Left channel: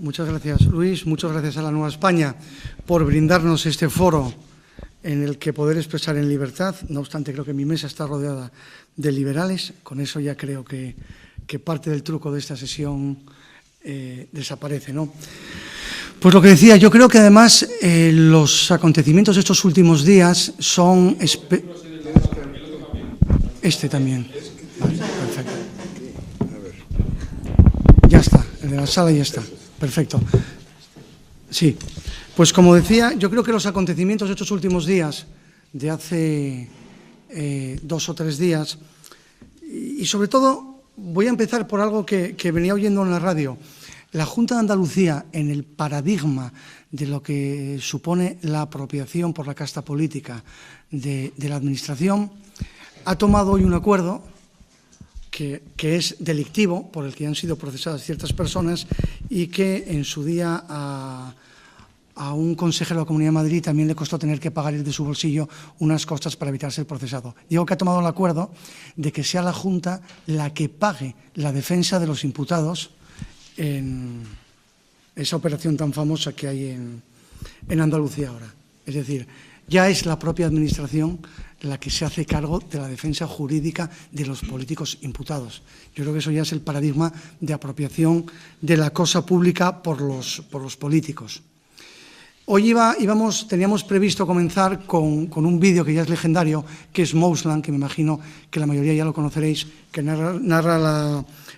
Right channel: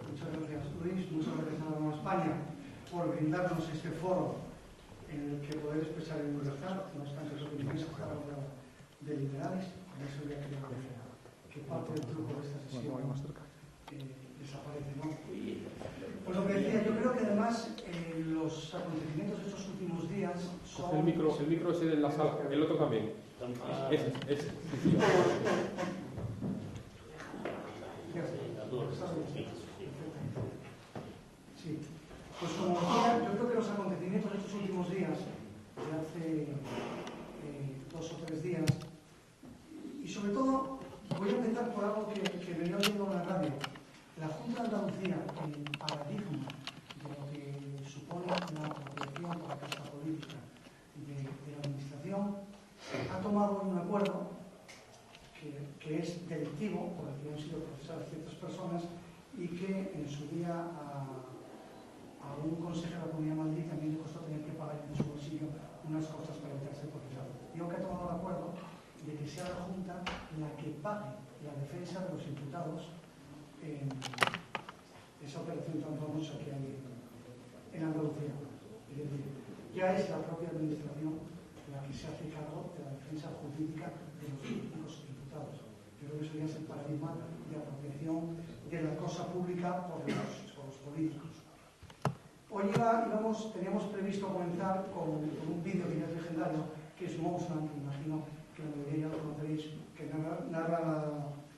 Muchas gracias, Luis. Muchas gracias a la Nueva España por brindarnos este foro en el que poder expresar en libertad. No obstante, creo que mi mesa está rodeada de liberales. Con eso ya creo que parte del truco de esta sesión desaparece, ¿no? Pues lo que decía, yo creo que además los acontecimientos de estos últimos días son... Este también. Vale, perfecto. Ya está, el de la sala ya está. Perfecto. Sí. Pues como decía, yo creo que los acontecimientos de estos últimos días, de hace 2 o 3 días, y sobre todo voy a empezar por algo que venía oyendo en la radio. La Junta de Andalucía, en el paradigma de lo que supone la apropiación por la casta política de la Administración, ha tomado hoy un acuerdo que es delictivo, por el que han sido procesadas ciertas personas y que en su día a un consejero de la Comunidad de Madrid también le costó tener que pagar de su bolsillo unas costas para evitar ser procesado. Digo que ha tomado el acuerdo de que sea la Junta la que pague la defensa de los imputados en esa operación tan famosa que hay en Andalucía ahora. Es decir, ya es la propia Administración la que se hace cargo de la defensa jurídica de los políticos imputados. Yo creo que eso ya es el paradigma de apropiación de la cosa pública por los políticos. Hoy teníamos previsto comenzar con un vídeo que ya es legendario, que es Mousland, que me imagino que la mayoría ya lo conoceréis, que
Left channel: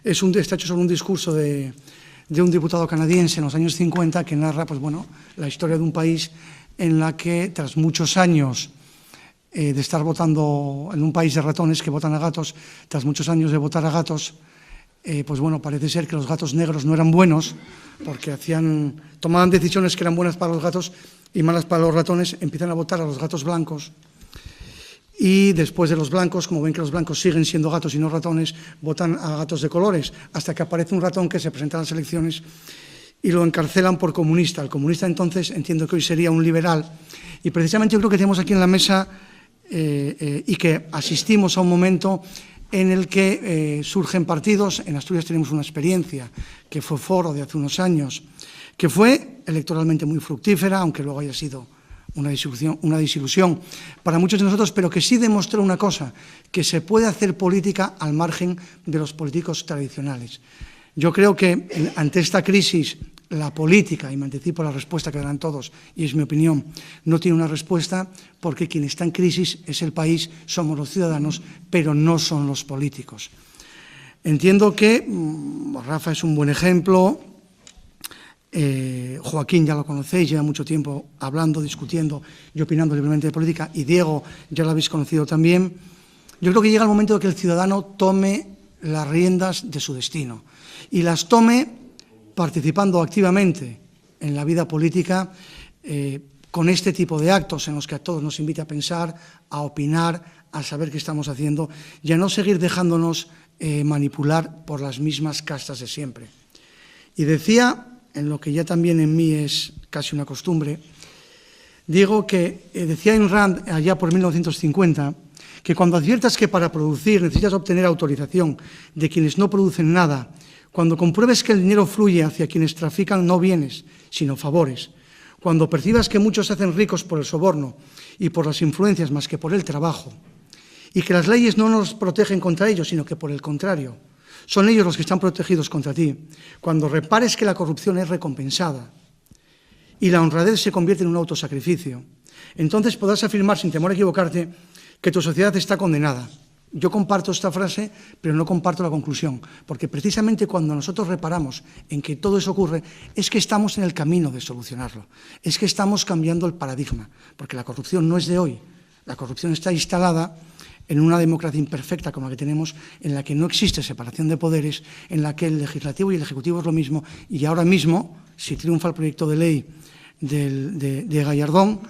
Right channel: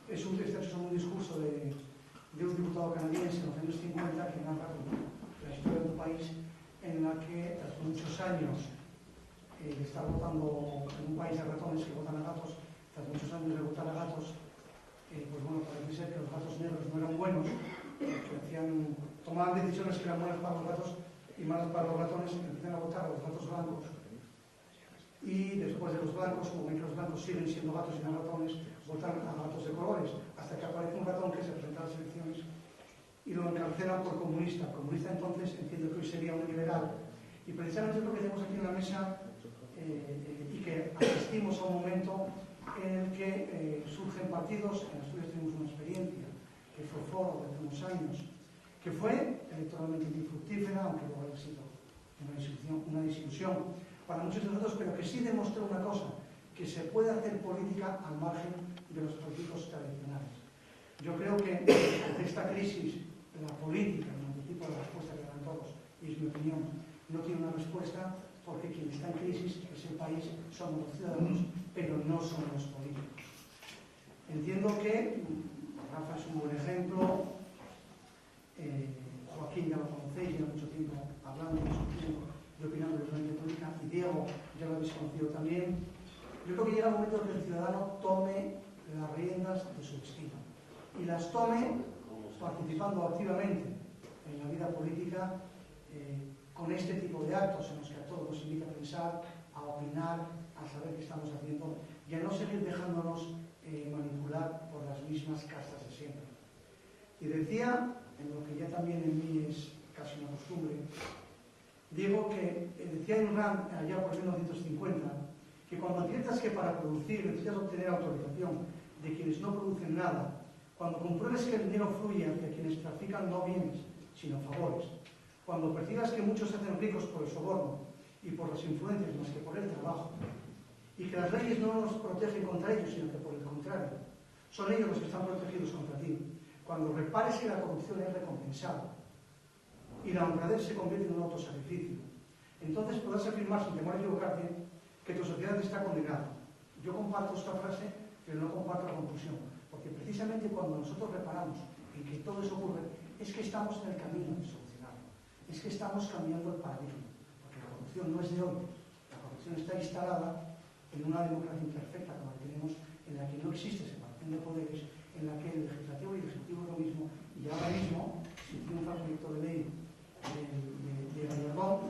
está hecho sobre un discurso de un diputado canadiense en los años 50 que narra la historia de un país en la que, tras muchos años de estar votando en un país de ratones que votan a gatos, tras muchos años de votar a gatos, parece ser que los gatos negros no eran buenos porque tomaban decisiones que eran buenas para los gatos y malas para los ratones, empiezan a votar a los gatos blancos y después de los blancos, como ven que los blancos siguen siendo gatos y no ratones, votan a gatos de colores, hasta que aparece un ratón que se presenta a las elecciones y lo encarcelan por comunista. El comunista entonces entiendo que hoy sería un liberal y precisamente yo creo que tenemos aquí en la mesa y que asistimos a un momento en el que surgen partidos. En Asturias tenemos una experiencia que fue Foro de hace unos años, que fue electoralmente muy fructífera, aunque luego haya sido una desilusión para muchos de nosotros, pero que sí demostró una cosa, que se puede hacer política al margen de los políticos tradicionales. Yo creo que ante esta crisis la política, y me anticipo la respuesta que darán todos, y es mi opinión, no tiene una respuesta porque quien está en crisis es el país, somos los ciudadanos, pero no son los políticos. Entiendo que Rafa es un buen ejemplo, Joaquín ya lo conocéis, lleva mucho tiempo hablando, discutiendo y opinando libremente de política, y Diego ya lo habéis conocido también. Yo creo que llega el momento de que el ciudadano tome las riendas de su destino y las tome participando activamente en la vida política con este tipo de actos en los que a todos nos invita a pensar, a opinar, a saber qué estamos haciendo y a no seguir dejándonos manipular por las mismas castas de siempre. Y decía, en lo que ya también en mí es casi una costumbre, digo que decía Ayn Rand allá por 1950 que cuando adviertas que para producir necesitas obtener autorización de quienes no producen nada, cuando compruebes que el dinero fluye hacia quienes trafican no bienes, sino favores, cuando percibas que muchos se hacen ricos por el soborno y por las influencias más que por el trabajo, y que las leyes no nos protegen contra ellos, sino que por el contrario, son ellos los que están protegidos contra ti, cuando repares que la corrupción es recompensada y la honradez se convierte en un autosacrificio, entonces podrás afirmar sin temor a equivocarte que tu sociedad está condenada. Yo comparto esta frase, pero no comparto la conclusión, porque precisamente cuando nosotros reparamos en que todo eso ocurre, es que estamos en el camino de solucionarlo, es que estamos cambiando el paradigma, porque la corrupción no es de hoy, la corrupción está instalada en una democracia imperfecta como la que tenemos, en la que no existe separación de poderes, en la que el legislativo y el ejecutivo es lo mismo, y ahora mismo, si triunfa el proyecto de ley de Gallardón,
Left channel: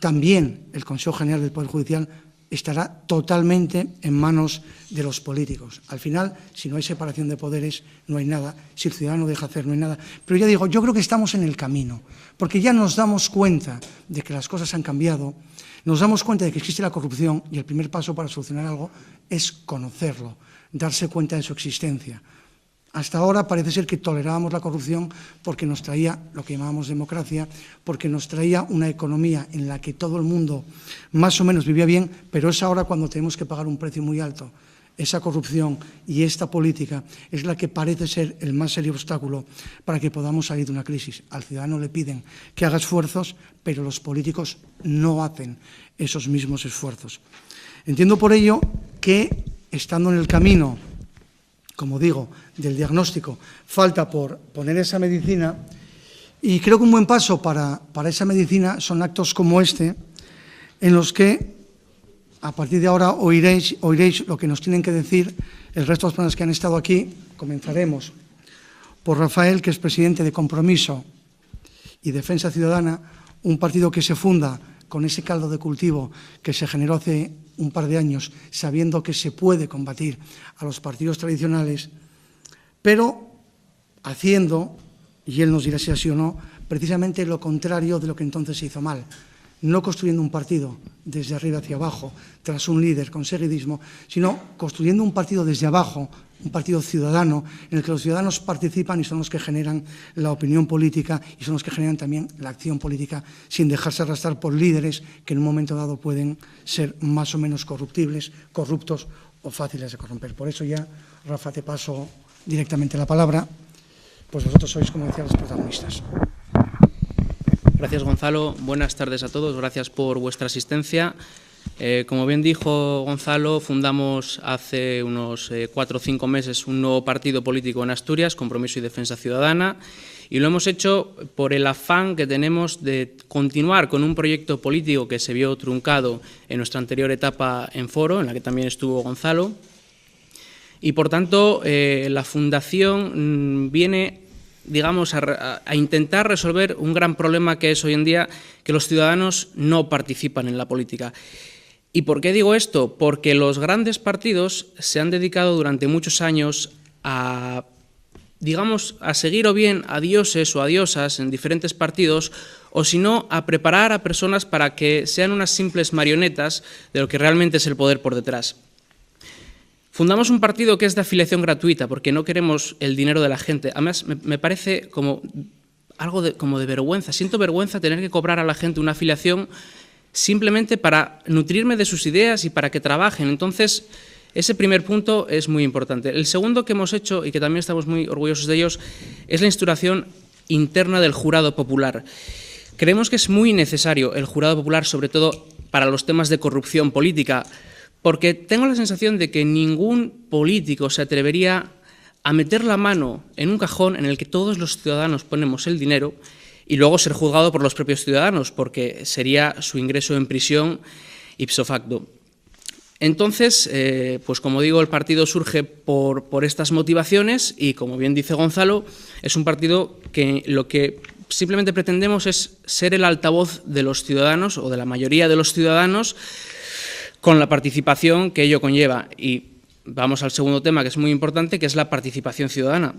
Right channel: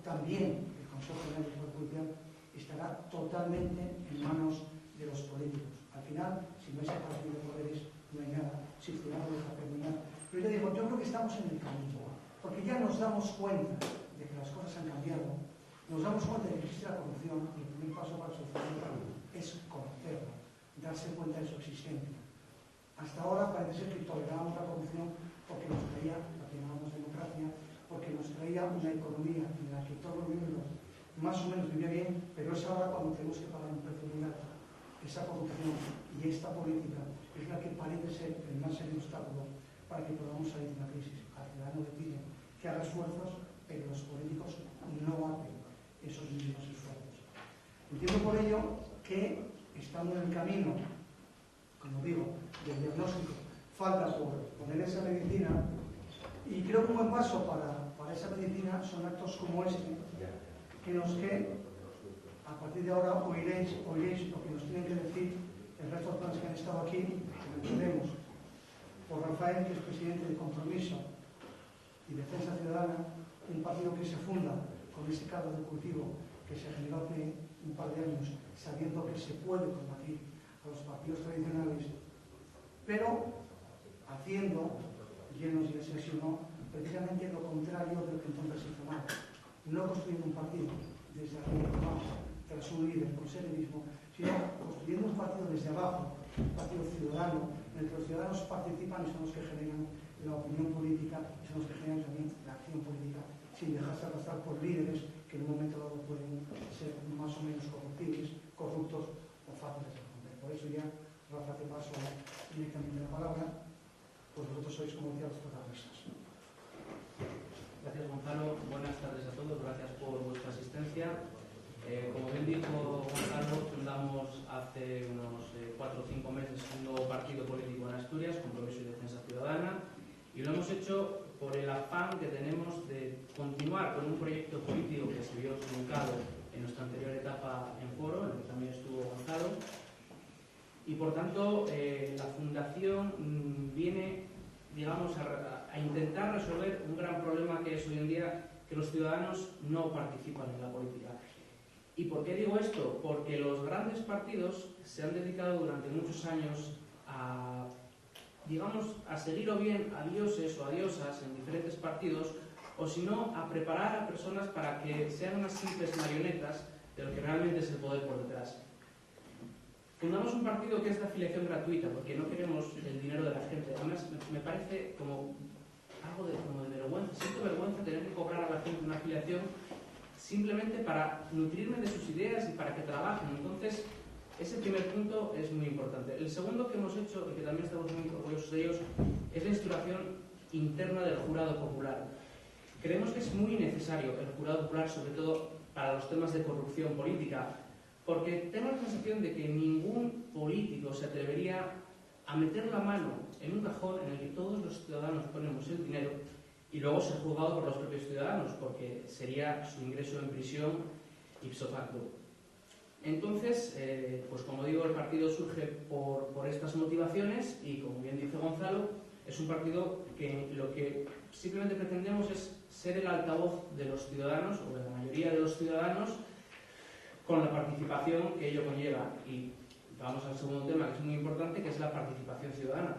también el Consejo General del Poder Judicial estará totalmente en manos de los políticos. Al final, si no hay separación de poderes, no hay nada. Si el ciudadano deja hacer, no hay nada. Pero ya digo, yo creo que estamos en el camino, porque ya nos damos cuenta de que las cosas han cambiado, nos damos cuenta de que existe la corrupción y el primer paso para solucionar algo es conocerlo, darse cuenta de su existencia. Hasta ahora parece ser que tolerábamos la corrupción porque nos traía lo que llamábamos democracia, porque nos traía una economía en la que todo el mundo más o menos vivía bien, pero es ahora cuando tenemos que pagar un precio muy alto. Esa corrupción y esta política es la que parece ser el más serio obstáculo para que podamos salir de una crisis. Al ciudadano le piden que haga esfuerzos, pero los políticos no hacen esos mismos esfuerzos. Entiendo por ello que, estando en el camino, como digo, del diagnóstico, falta por poner esa medicina, y creo que un buen paso para esa medicina son actos como este, en los que a partir de ahora oiréis lo que nos tienen que decir el resto de las personas que han estado aquí. Comenzaremos por Rafael, que es presidente de Compromiso y Defensa Ciudadana, un partido que se funda con ese caldo de cultivo que se generó hace un par de años, sabiendo que se puede combatir a los partidos tradicionales, pero haciendo, y él nos dirá si así o no, precisamente lo contrario de lo que entonces se hizo mal. No construyendo un partido desde arriba hacia abajo, tras un líder con seguidismo, sino construyendo un partido desde abajo, un partido ciudadano, en el que los ciudadanos participan y son los que generan la opinión política y son los que generan también la acción política, sin dejarse arrastrar por líderes que en un momento dado pueden ser más o menos corruptibles, corruptos o fáciles de corromper. Por eso ya, Rafa, te paso directamente la palabra, pues vosotros sois, como decía, los protagonistas. Gracias, Gonzalo. Buenas tardes a todos. Gracias por vuestra asistencia. Como bien dijo Gonzalo, fundamos hace unos 4 o 5 meses un nuevo partido político en Asturias, Compromiso y Defensa Ciudadana, y lo hemos hecho por el afán que tenemos de continuar con un proyecto político que se vio truncado en nuestra anterior etapa en Foro, en la que también estuvo Gonzalo, y por tanto la Fundación viene, digamos, a intentar resolver un gran problema que es hoy en día que los ciudadanos no participan en la política. ¿Y por qué digo esto? Porque los grandes partidos se han dedicado durante muchos años a, digamos, a seguir o bien a dioses o a diosas en diferentes partidos, o si no, a preparar a personas para que sean unas simples marionetas de lo que realmente es el poder por detrás. Fundamos un partido que es de afiliación gratuita, porque no queremos el dinero de la gente. Además, me parece como algo como de vergüenza. Siento vergüenza tener que cobrar a la gente una afiliación simplemente para nutrirme de sus ideas y para que trabajen. Entonces, ese primer punto es muy importante. El segundo que hemos hecho, y que también estamos muy orgullosos de ellos, es la instauración interna del jurado popular. Creemos que es muy necesario el jurado popular, sobre todo para los temas de corrupción política, porque tengo la sensación de que ningún político se atrevería a meter la mano en un cajón en el que todos los ciudadanos ponemos el dinero y luego ser juzgado por los propios ciudadanos, porque sería su ingreso en prisión ipso facto. Entonces, pues como digo, el partido surge por estas motivaciones y, como bien dice Gonzalo, es un partido que lo que simplemente pretendemos es ser el altavoz de los ciudadanos o de la mayoría de los ciudadanos, con la participación que ello conlleva. Y vamos al segundo tema, que es muy importante, que es la participación ciudadana.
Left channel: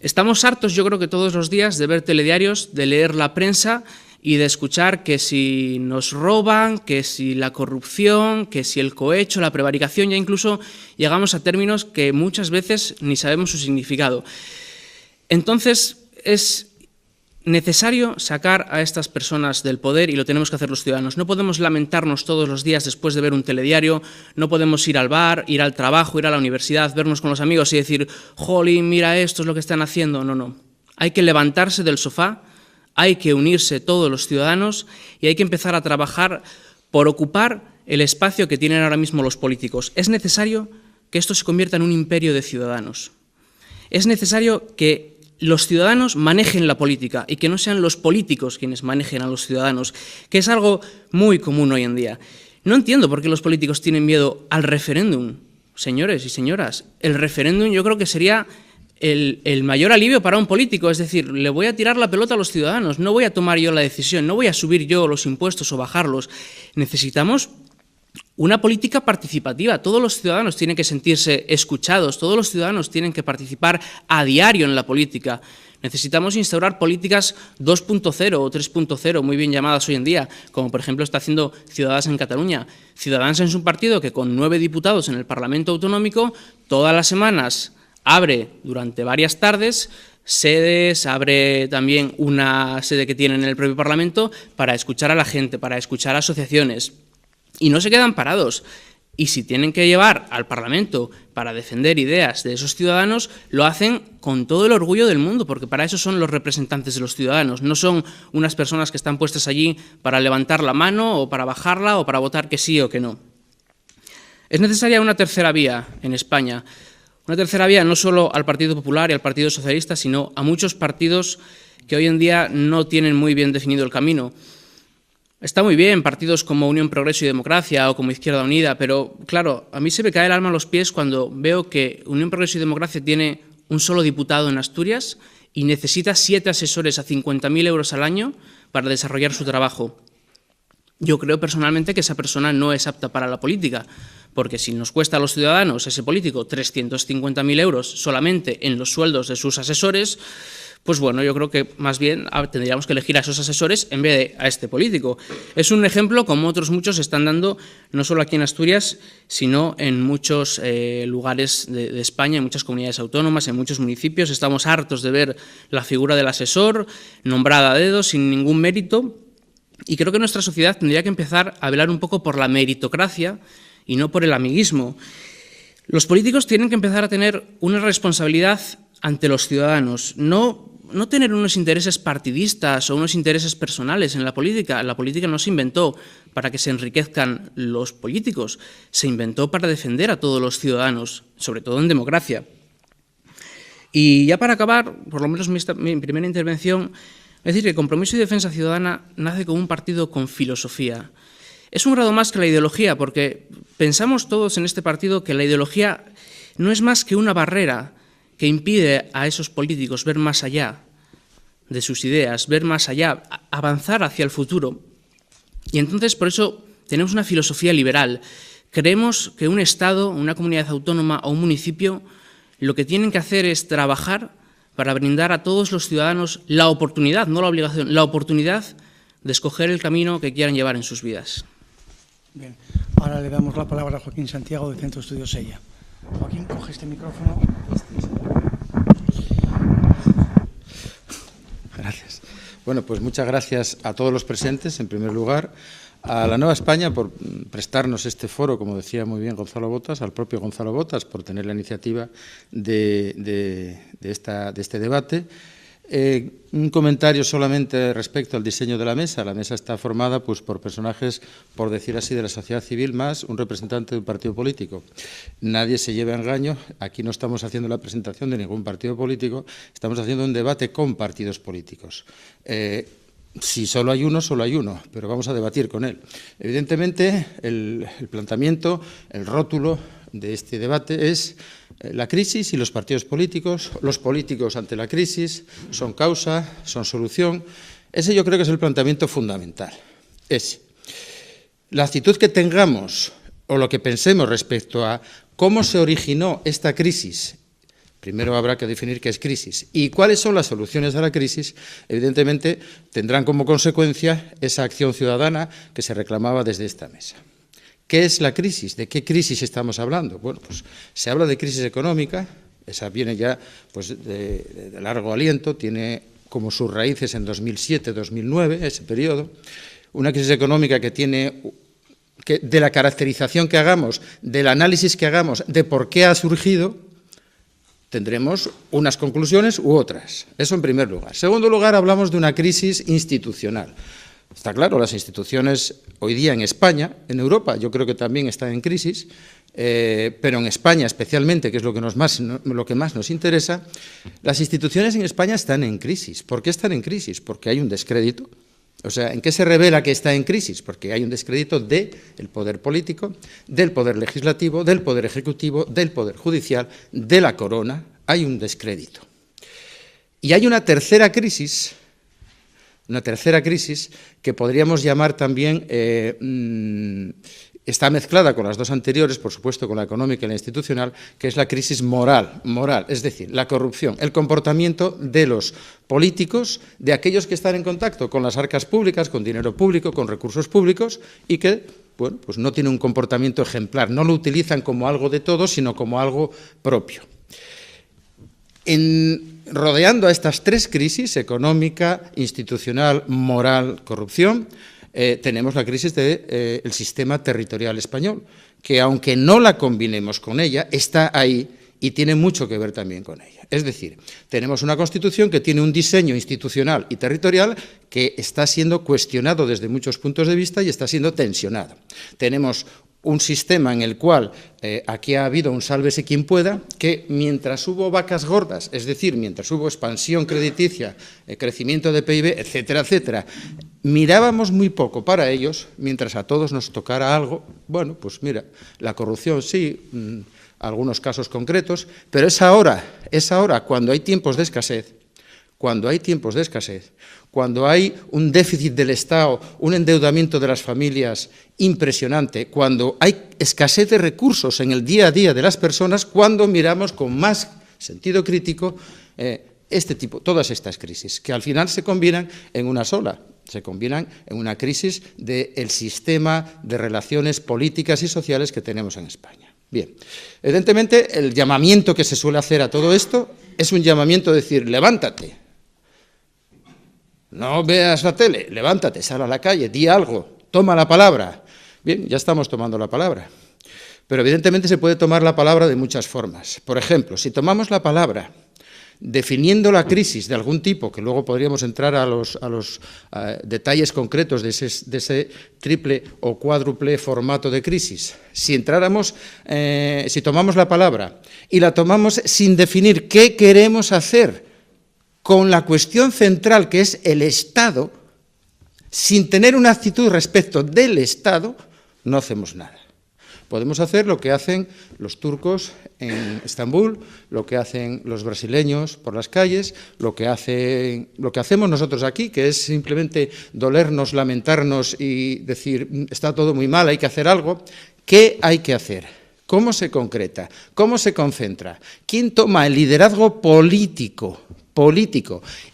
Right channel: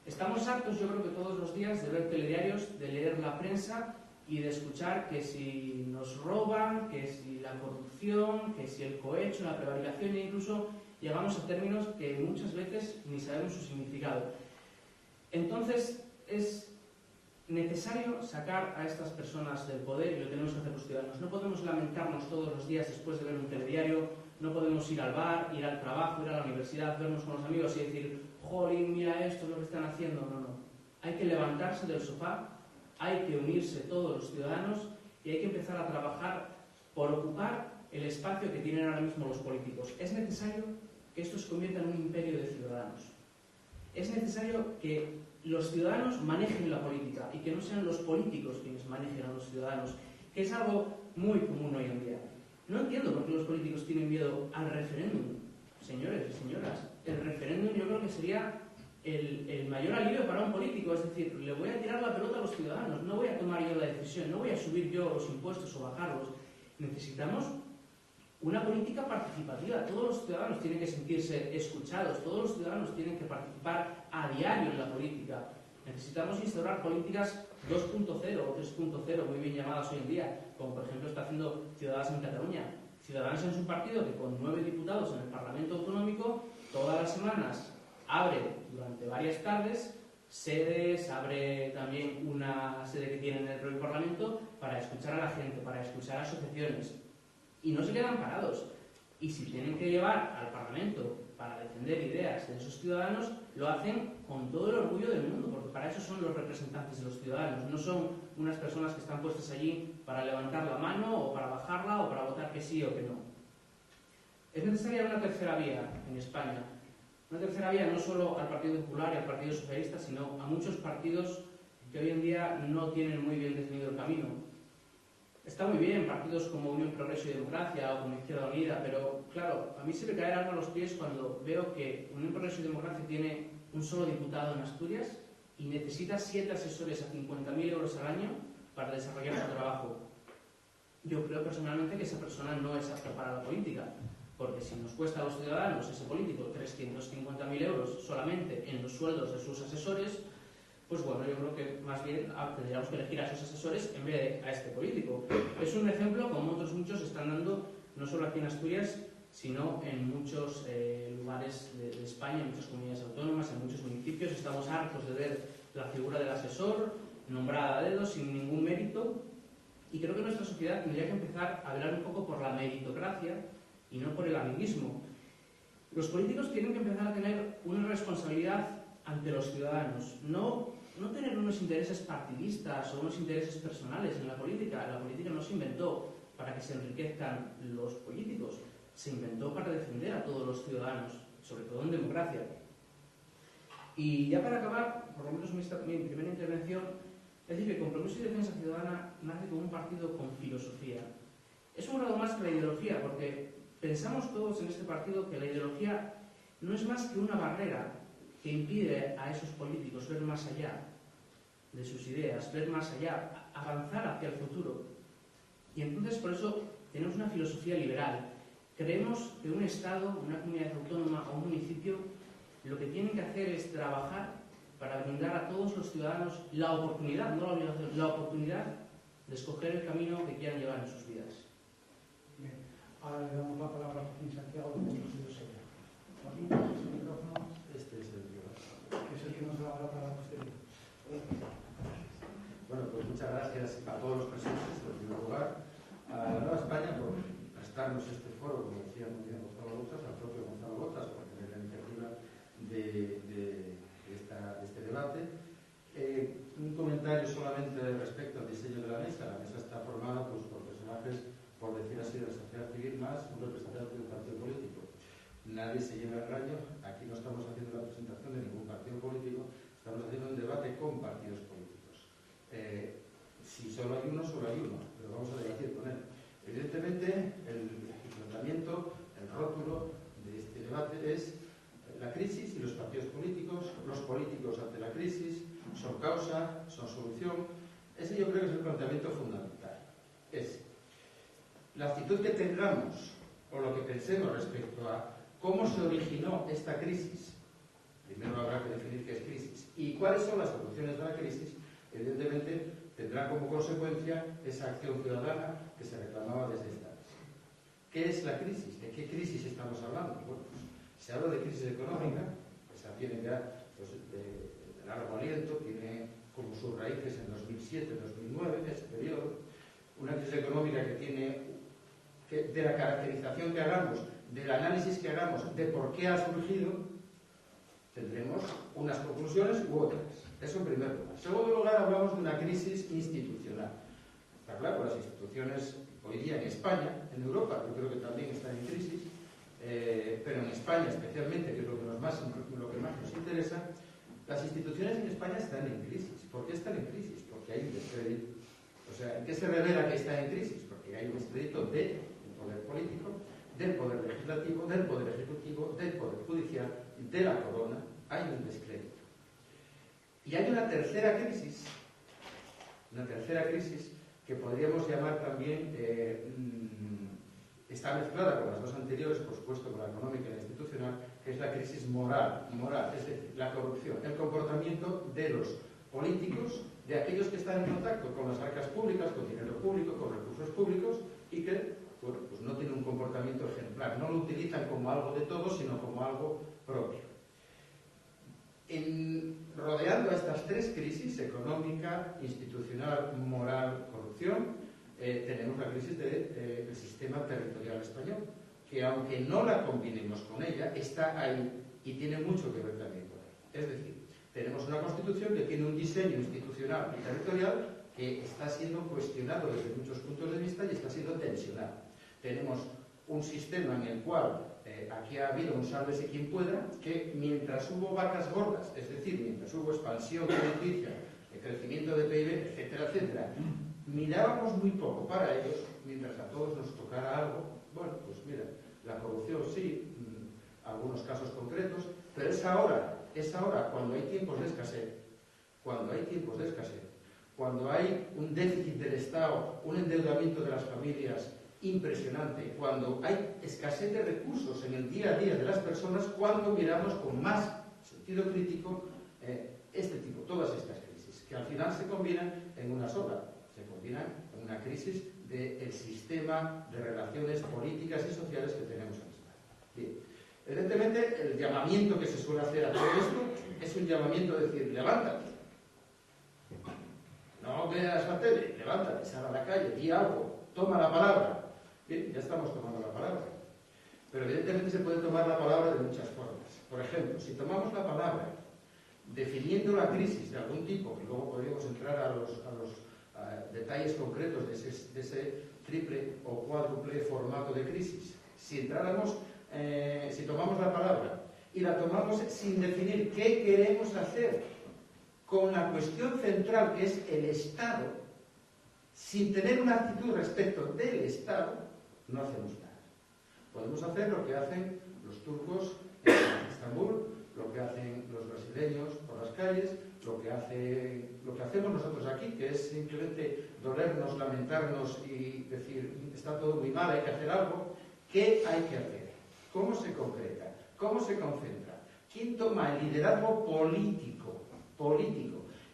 Estamos hartos, yo creo que todos los días, de ver telediarios, de leer la prensa y de escuchar que si nos roban, que si la corrupción, que si el cohecho, la prevaricación, ya incluso llegamos a términos que muchas veces ni sabemos su significado. Entonces, es necesario sacar a estas personas del poder y lo tenemos que hacer los ciudadanos. No podemos lamentarnos todos los días después de ver un telediario, no podemos ir al bar, ir al trabajo, ir a la universidad, vernos con los amigos y decir, jolín, mira, esto es lo que están haciendo. No, no. Hay que levantarse del sofá, hay que unirse todos los ciudadanos y hay que empezar a trabajar por ocupar el espacio que tienen ahora mismo los políticos. Es necesario que esto se convierta en un imperio de ciudadanos. Es necesario que los ciudadanos manejen la política y que no sean los políticos quienes manejen a los ciudadanos, que es algo muy común hoy en día. No entiendo por qué los políticos tienen miedo al referéndum. Señores y señoras, el referéndum yo creo que sería el mayor alivio para un político, es decir, le voy a tirar la pelota a los ciudadanos, no voy a tomar yo la decisión, no voy a subir yo los impuestos o bajarlos. Necesitamos una política participativa. Todos los ciudadanos tienen que sentirse escuchados, todos los ciudadanos tienen que participar a diario en la política. Necesitamos instaurar políticas 2.0 o 3.0, muy bien llamadas hoy en día, como por ejemplo está haciendo Ciudadanos en Cataluña. Ciudadanos es un partido que con 9 diputados en el Parlamento Autonómico, todas las semanas abre durante varias tardes sedes, abre también una sede que tienen en el propio Parlamento para escuchar a la gente, para escuchar a asociaciones. Y no se quedan parados. Y si tienen que llevar al Parlamento para defender ideas de esos ciudadanos, lo hacen con todo el orgullo del mundo, porque para eso son los representantes de los ciudadanos. No son unas personas que están puestas allí para levantar la mano o para bajarla o para votar que sí o que no. Es necesaria una tercera vía en España. Una tercera vía no solo al Partido Popular y al Partido Socialista, sino a muchos partidos que hoy en día no tienen muy bien definido el camino. Está muy bien partidos como Unión, Progreso y Democracia o como Izquierda Unida, pero claro, a mí se me cae el alma a los pies cuando veo que Unión, Progreso y Democracia tiene un solo diputado en Asturias y necesita 7 asesores a 50.000 euros al año para desarrollar su trabajo. Yo creo personalmente que esa persona no es apta para la política, porque si nos cuesta a los ciudadanos, ese político, 350.000 euros solamente en los sueldos de sus asesores, pues bueno, yo creo que más bien tendríamos que elegir a esos asesores en vez de a este político. Es un ejemplo, como otros muchos se están dando, no solo aquí en Asturias, sino en muchos lugares de España, en muchas comunidades autónomas, en muchos municipios. Estamos hartos de ver la figura del asesor nombrada a dedo, sin ningún mérito, y creo que nuestra sociedad tendría que empezar a velar un poco por la meritocracia y no por el amiguismo. Los políticos tienen que empezar a tener una responsabilidad ante los ciudadanos, no tener unos intereses partidistas o unos intereses personales en la política. La política no se inventó para que se enriquezcan los políticos, se inventó para defender a todos los ciudadanos, sobre todo en democracia. Y ya para acabar, por lo menos mi primera intervención, es decir, que Compromiso y Defensa Ciudadana nace como un partido con filosofía. Es un grado más que la ideología, porque pensamos todos en este partido que la ideología no es más que una barrera que impide a esos políticos ver más allá de sus ideas, ver más allá, avanzar hacia el futuro. Y entonces, por eso, tenemos una filosofía liberal. Creemos que un Estado, una comunidad autónoma o un municipio lo que tienen que hacer es trabajar para brindar a todos los ciudadanos la oportunidad, no la obligación, la oportunidad de escoger el camino que quieran llevar en sus vidas. Bien, ahora le damos la palabra a Joaquín Santiago, de Centro Estudios Sella. Joaquín, coge este micrófono. Gracias. Bueno, pues muchas gracias a todos los presentes, en primer lugar, a la Nueva España por prestarnos este foro, como decía muy bien Gonzalo Botas, al propio Gonzalo Botas por tener la iniciativa de este debate. Un comentario solamente respecto al diseño de la mesa. La mesa está formada pues, por personajes, por decir así, de la sociedad civil, más un representante de un partido político. Nadie se lleve a engaño. Aquí no estamos haciendo la presentación de ningún partido político, estamos haciendo un debate con partidos políticos. Si solo hay uno, pero vamos a debatir con él. Evidentemente, el planteamiento, el rótulo de este debate es la crisis y los partidos políticos ante la crisis, son causa, son solución. Ese yo creo que es el planteamiento fundamental. La actitud que tengamos o lo que pensemos respecto a cómo se originó esta crisis, primero habrá que definir qué es crisis y cuáles son las soluciones a la crisis, evidentemente tendrán como consecuencia esa acción ciudadana que se reclamaba desde esta mesa. ¿Qué es la crisis? ¿De qué crisis estamos hablando? Bueno, pues se habla de crisis económica, esa viene ya pues, de largo aliento, tiene como sus raíces en 2007-2009, ese periodo, una crisis económica que tiene, de la caracterización que hagamos, del análisis que hagamos, de por qué ha surgido, tendremos unas conclusiones u otras. Eso en primer lugar. En segundo lugar, hablamos de una crisis institucional. Está claro, las instituciones hoy día en España, en Europa, yo creo que también están en crisis, pero en España especialmente, que es lo que más nos interesa, las instituciones en España están en crisis. ¿Por qué están en crisis? Porque hay un descrédito. O sea, ¿en qué se revela que está en crisis? Porque hay un descrédito del poder político, del poder legislativo, del poder ejecutivo, del poder judicial, de la corona. Hay un descrédito. Y hay una tercera crisis que podríamos llamar también, está mezclada con las dos anteriores, por supuesto con la económica y la institucional, que es la crisis moral, es decir, la corrupción, el comportamiento de los políticos, de aquellos que están en contacto con las arcas públicas, con dinero público, con recursos públicos, y que bueno, pues no tienen un comportamiento ejemplar, no lo utilizan como algo de todos, sino como algo propio. rodeando a estas tres crisis, económica, institucional, moral, corrupción, tenemos la crisis del sistema territorial español, que aunque no la combinemos con ella, está ahí y tiene mucho que ver también con ella. Es decir, tenemos una Constitución que tiene un diseño institucional y territorial que está siendo cuestionado desde muchos puntos de vista y está siendo tensionado. Tenemos un sistema en el cual aquí ha habido un sálvese quien pueda, que mientras hubo vacas gordas, es decir, mientras hubo expansión crediticia, crecimiento de PIB, etcétera, etcétera, mirábamos muy poco para ellos, mientras a todos nos tocara algo. Bueno, pues mira, la corrupción sí, algunos casos concretos, pero es ahora cuando hay tiempos de escasez, cuando hay un déficit del Estado, un endeudamiento de las familias impresionante, cuando hay escasez de recursos en el día a día de las personas, cuando miramos con más sentido crítico todas estas crisis, que al final se combinan en una sola, se combinan en una crisis del sistema de relaciones políticas y sociales que tenemos en España. Bien, evidentemente el llamamiento que se suele hacer a todo esto es un llamamiento de decir, levántate, no veas la tele, levántate, sal a la calle, di algo, toma la palabra. Bien, ya estamos tomando la palabra, pero evidentemente se puede tomar la palabra de muchas formas. Por ejemplo, si tomamos la palabra definiendo la crisis de algún tipo, que luego podríamos entrar a los detalles concretos de ese triple o cuádruple formato de crisis. Si tomamos la palabra y la tomamos sin definir qué queremos hacer con la cuestión central que es el Estado, sin tener una actitud respecto del Estado, no hacemos nada. Podemos hacer lo que hacen los turcos en Estambul, lo que hacen los brasileños por las calles, lo que hacemos nosotros aquí, que es simplemente dolernos, lamentarnos y decir, está todo muy mal, hay que hacer algo. ¿Qué hay que hacer? ¿Cómo se concreta? ¿Cómo se concentra? ¿Quién toma el liderazgo político?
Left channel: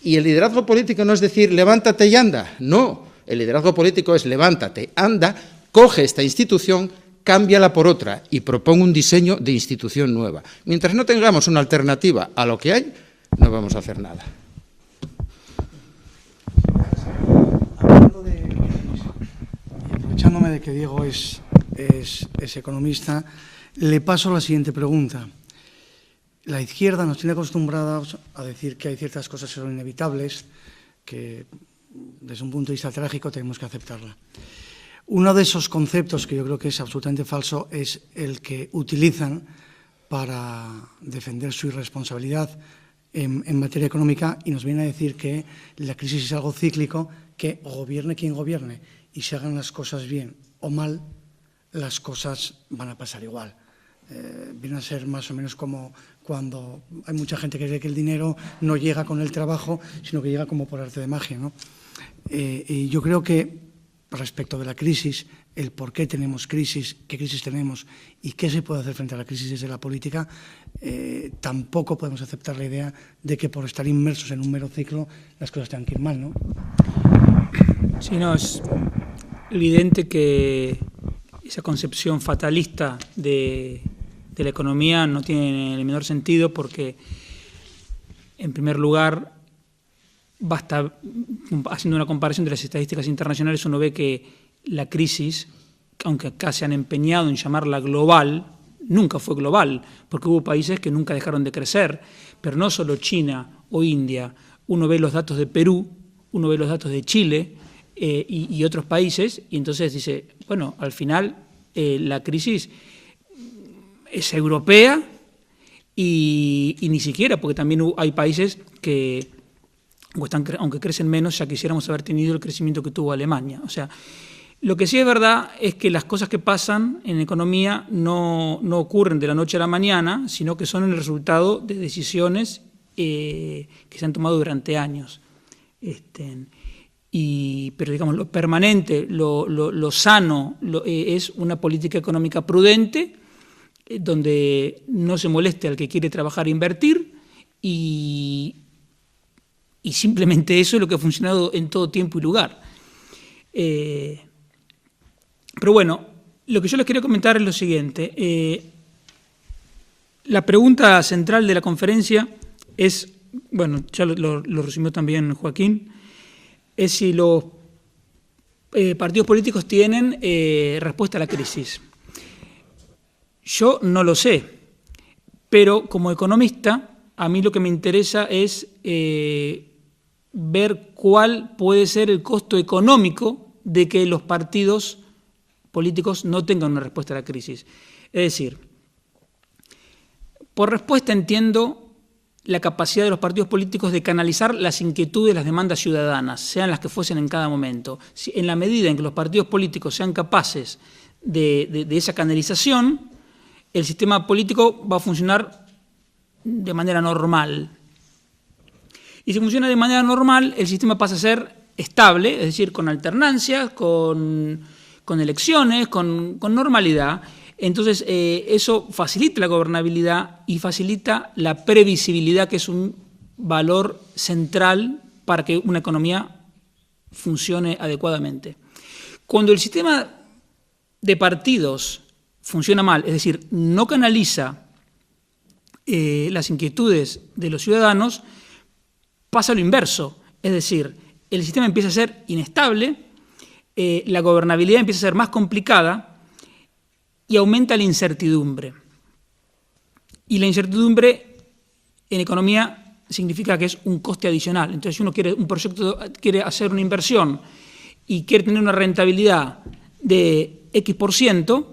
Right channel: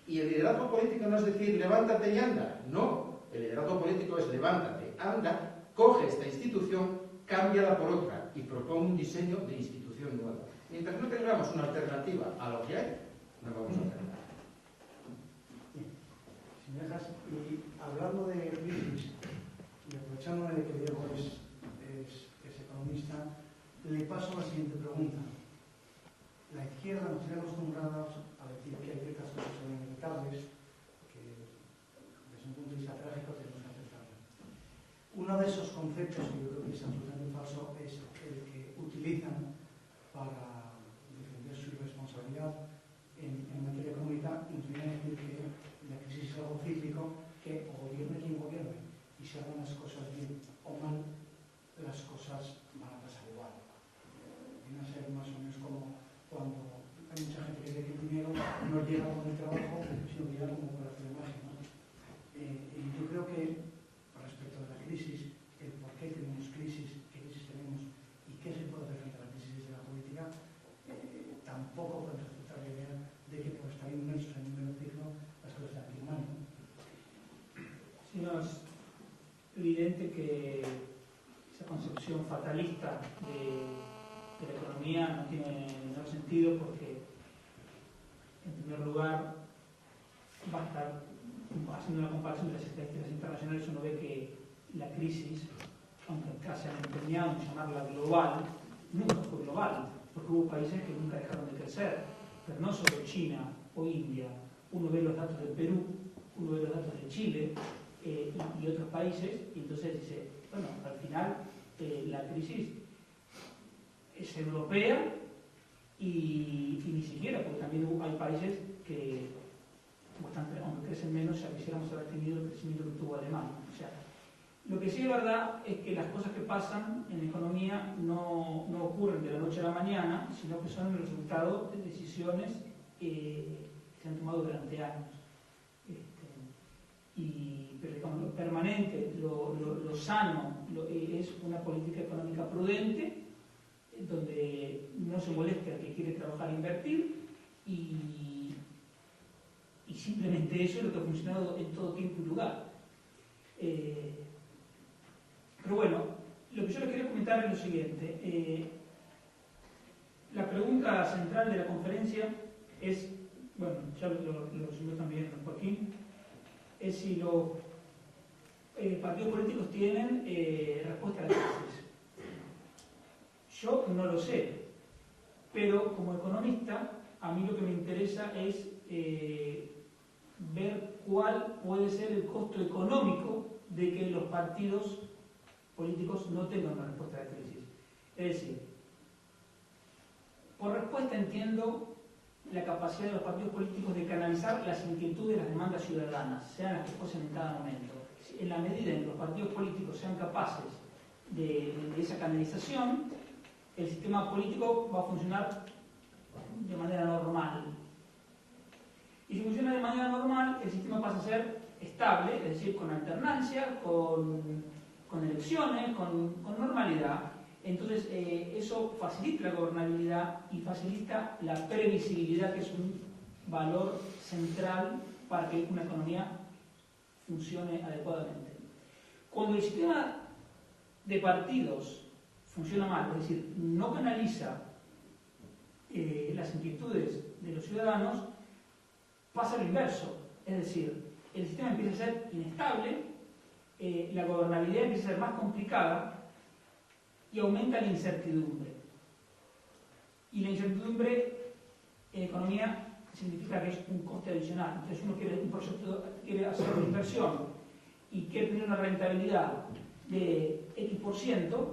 Y el liderazgo político no es decir, levántate y anda. No, el liderazgo político es levántate, anda, coge esta institución, cámbiala por otra y proponga un diseño de institución nueva. Mientras no tengamos una alternativa a lo que hay, no vamos a hacer nada. Aprovechándome de que Diego es economista, le paso la siguiente pregunta. La izquierda nos tiene acostumbrados a decir que hay ciertas cosas que son inevitables, que desde un punto de vista trágico tenemos que aceptarla. Uno de esos conceptos que yo creo que es absolutamente falso es el que utilizan para defender su irresponsabilidad en materia económica y nos viene a decir que la crisis es algo cíclico, que gobierne quien gobierne y se hagan las cosas bien o mal, las cosas van a pasar igual. Viene a ser más o menos como cuando hay mucha gente que cree que el dinero no llega con el trabajo, sino que llega como por arte de magia, ¿no? Y yo creo que respecto de la crisis, el por qué tenemos crisis, qué crisis tenemos y qué se puede hacer frente a la crisis desde la política, tampoco podemos aceptar la idea de que por estar inmersos en un mero ciclo las cosas tengan que ir mal, ¿no? Sí, no, es evidente que esa concepción fatalista de la economía no tiene el menor sentido porque, en primer lugar, basta, haciendo una comparación de las estadísticas internacionales, uno ve que la crisis, aunque acá se han empeñado en llamarla global, nunca fue global, porque hubo países que nunca dejaron de crecer, pero no solo China o India. Uno ve los datos de Perú, uno ve los datos de Chile y otros países, y entonces dice, bueno, al final la crisis es europea y ni siquiera, porque también hay países que, aunque crecen menos, ya quisiéramos haber tenido el crecimiento que tuvo Alemania. O sea, lo que sí es verdad es que las cosas que pasan en economía no ocurren de la noche a la mañana, sino que son el resultado de decisiones que se han tomado durante años. Pero digamos, lo permanente, lo sano, es una política económica prudente, donde no se moleste al que quiere trabajar e invertir, y simplemente eso es lo que ha funcionado en todo tiempo y lugar. Pero bueno, lo que yo les quería comentar es lo siguiente. La pregunta central de la conferencia es, bueno, ya lo resumió también Joaquín, es si los partidos políticos tienen respuesta a la crisis. Yo no lo sé, pero como economista, a mí lo que me interesa es ver cuál puede ser el costo económico de que los partidos políticos no tengan una respuesta a la crisis. Es decir, por respuesta entiendo la capacidad de los partidos políticos de canalizar las inquietudes, las demandas ciudadanas, sean las que fuesen en cada momento. En la medida en que los partidos políticos sean capaces de esa canalización, el sistema político va a funcionar de manera normal. Y si funciona de manera normal, el sistema pasa a ser estable, es decir, con alternancias, con elecciones, con normalidad. Entonces, eso facilita la gobernabilidad y facilita la previsibilidad, que es un valor central para que una economía funcione adecuadamente. Cuando el sistema de partidos funciona mal, es decir, no canaliza las inquietudes de los ciudadanos, pasa lo inverso, es decir, el sistema empieza a ser inestable, la gobernabilidad empieza a ser más complicada y aumenta la incertidumbre. Y la incertidumbre en economía significa que es un coste adicional. Entonces, si uno quiere hacer una inversión y quiere tener una rentabilidad de X%,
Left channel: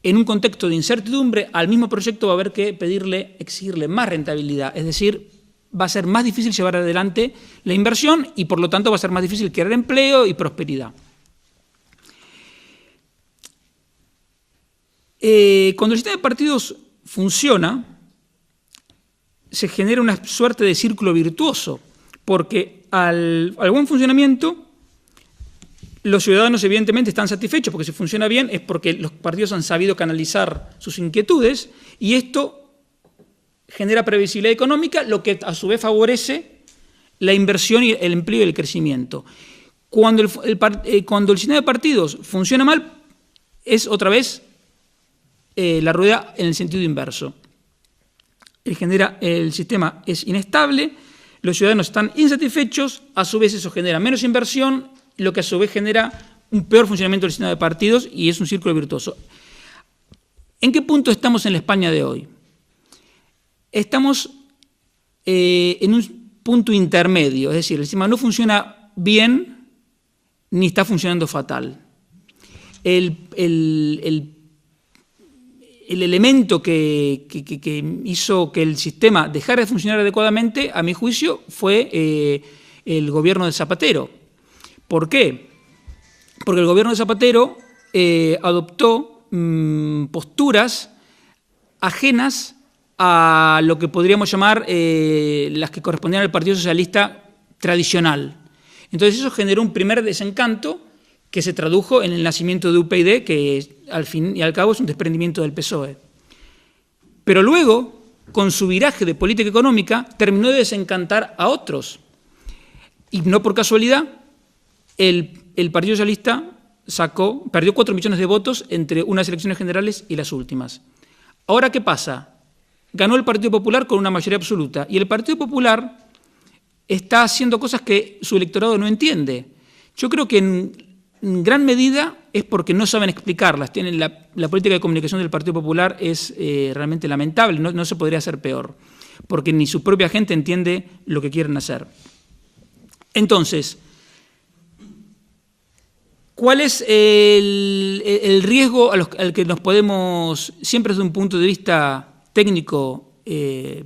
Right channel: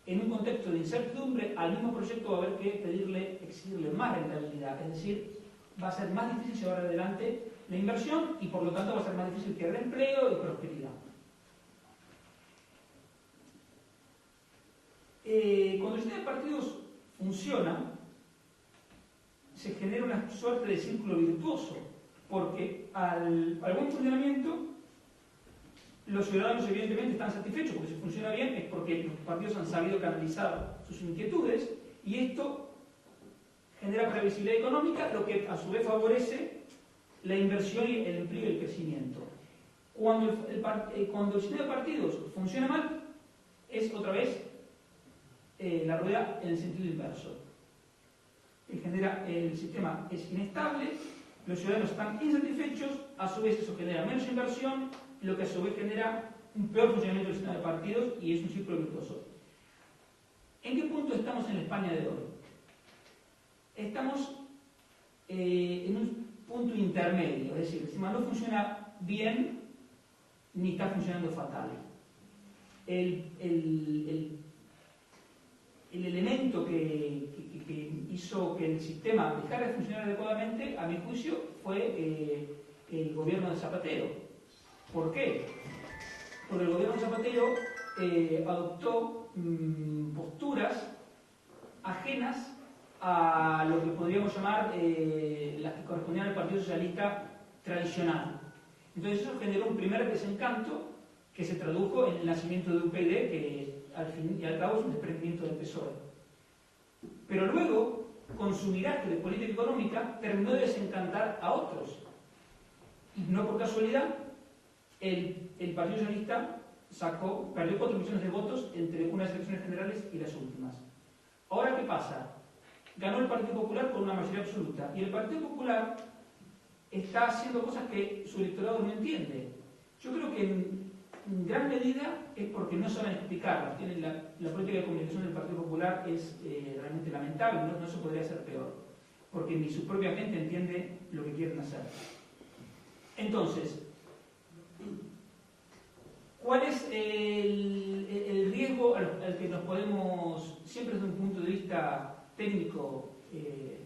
en un contexto de incertidumbre, al mismo proyecto va a haber que exigirle más rentabilidad, es decir, va a ser más difícil llevar adelante la inversión y por lo tanto va a ser más difícil crear empleo y prosperidad. Cuando el sistema de partidos funciona, se genera una suerte de círculo virtuoso, porque al buen funcionamiento los ciudadanos evidentemente están satisfechos, porque si funciona bien es porque los partidos han sabido canalizar sus inquietudes y esto genera previsibilidad económica, lo que a su vez favorece la inversión y el empleo y el crecimiento. Cuando el sistema de partidos funciona mal, es otra vez la rueda en el sentido inverso. El sistema es inestable, los ciudadanos están insatisfechos, a su vez eso genera menos inversión, lo que a su vez genera un peor funcionamiento del sistema de partidos y es un círculo virtuoso. ¿En qué punto estamos en la España de hoy? Estamos en un punto intermedio, es decir, el sistema no funciona bien ni está funcionando fatal. El elemento que hizo que el sistema dejara de funcionar adecuadamente, a mi juicio, fue el gobierno de Zapatero. ¿Por qué? Porque el gobierno de Zapatero adoptó posturas ajenas a lo que podríamos llamar las que correspondían al Partido Socialista tradicional. Entonces eso generó un primer desencanto que se tradujo en el nacimiento de UPyD, que al fin y al cabo es un desprendimiento del PSOE. Pero luego, con su viraje de política económica, terminó de desencantar a otros. Y no por casualidad, el Partido Socialista perdió 4 millones de votos entre unas elecciones generales y las últimas. Ahora, ¿qué pasa? Ganó el Partido Popular con una mayoría absoluta y el Partido Popular está haciendo cosas que su electorado no entiende. Yo creo que en gran medida es porque no saben explicarlas. La política de comunicación del Partido Popular es realmente lamentable, no se podría hacer peor, porque ni su propia gente entiende lo que quieren hacer. Entonces, ¿cuál es el riesgo al que nos podemos, siempre desde un punto de vista técnico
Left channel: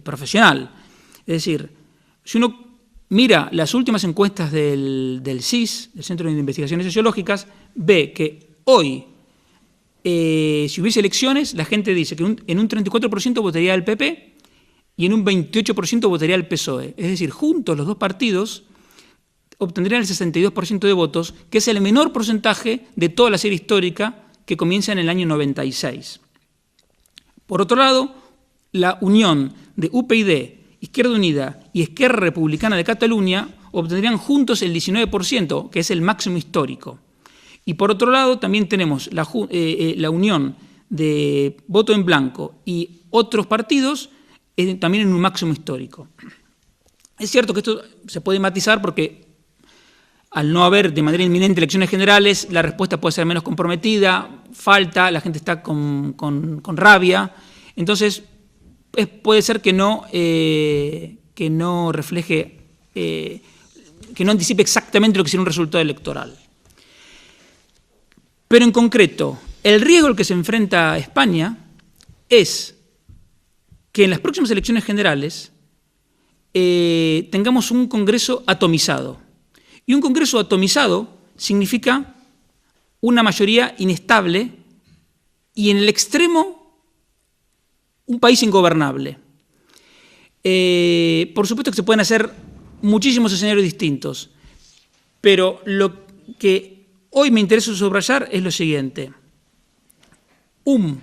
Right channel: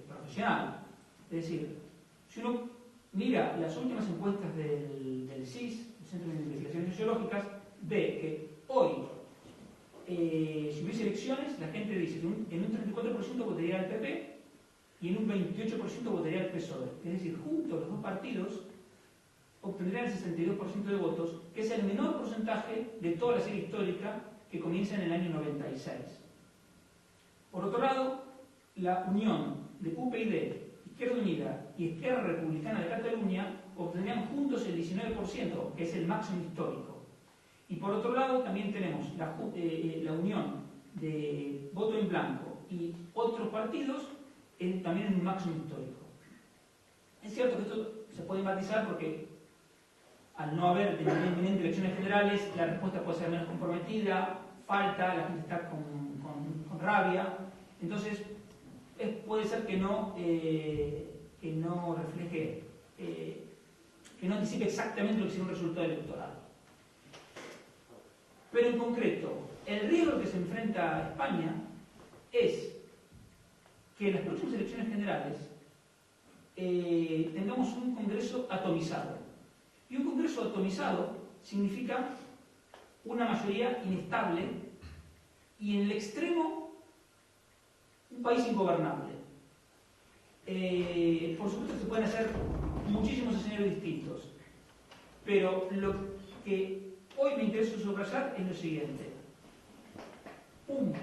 profesional? Es decir, si uno mira las últimas encuestas del CIS, del Centro de Investigaciones Sociológicas, ve que hoy, si hubiese elecciones, la gente dice que en un 34% votaría al PP y en un 28% votaría al PSOE. Es decir, juntos los dos partidos obtendrían el 62% de votos, que es el menor porcentaje de toda la serie histórica que comienza en el año 96. Por otro lado, la unión de UPyD, Izquierda Unida y Esquerra Republicana de Cataluña obtendrían juntos el 19%, que es el máximo histórico. Y por otro lado, también tenemos la unión de Voto en Blanco y otros partidos, también en un máximo histórico. Es cierto que esto se puede matizar porque al no haber de manera inminente elecciones generales, la respuesta puede ser menos comprometida, falta, la gente está con rabia. Entonces, puede ser que no refleje, que no anticipe exactamente lo que será un resultado electoral. Pero en concreto, el riesgo al que se enfrenta España es que en las próximas elecciones generales tengamos un Congreso atomizado. Y un Congreso atomizado significa una mayoría inestable y en el extremo un país ingobernable. Por supuesto que se pueden hacer muchísimos escenarios distintos, pero lo que hoy me interesa subrayar es lo siguiente. Un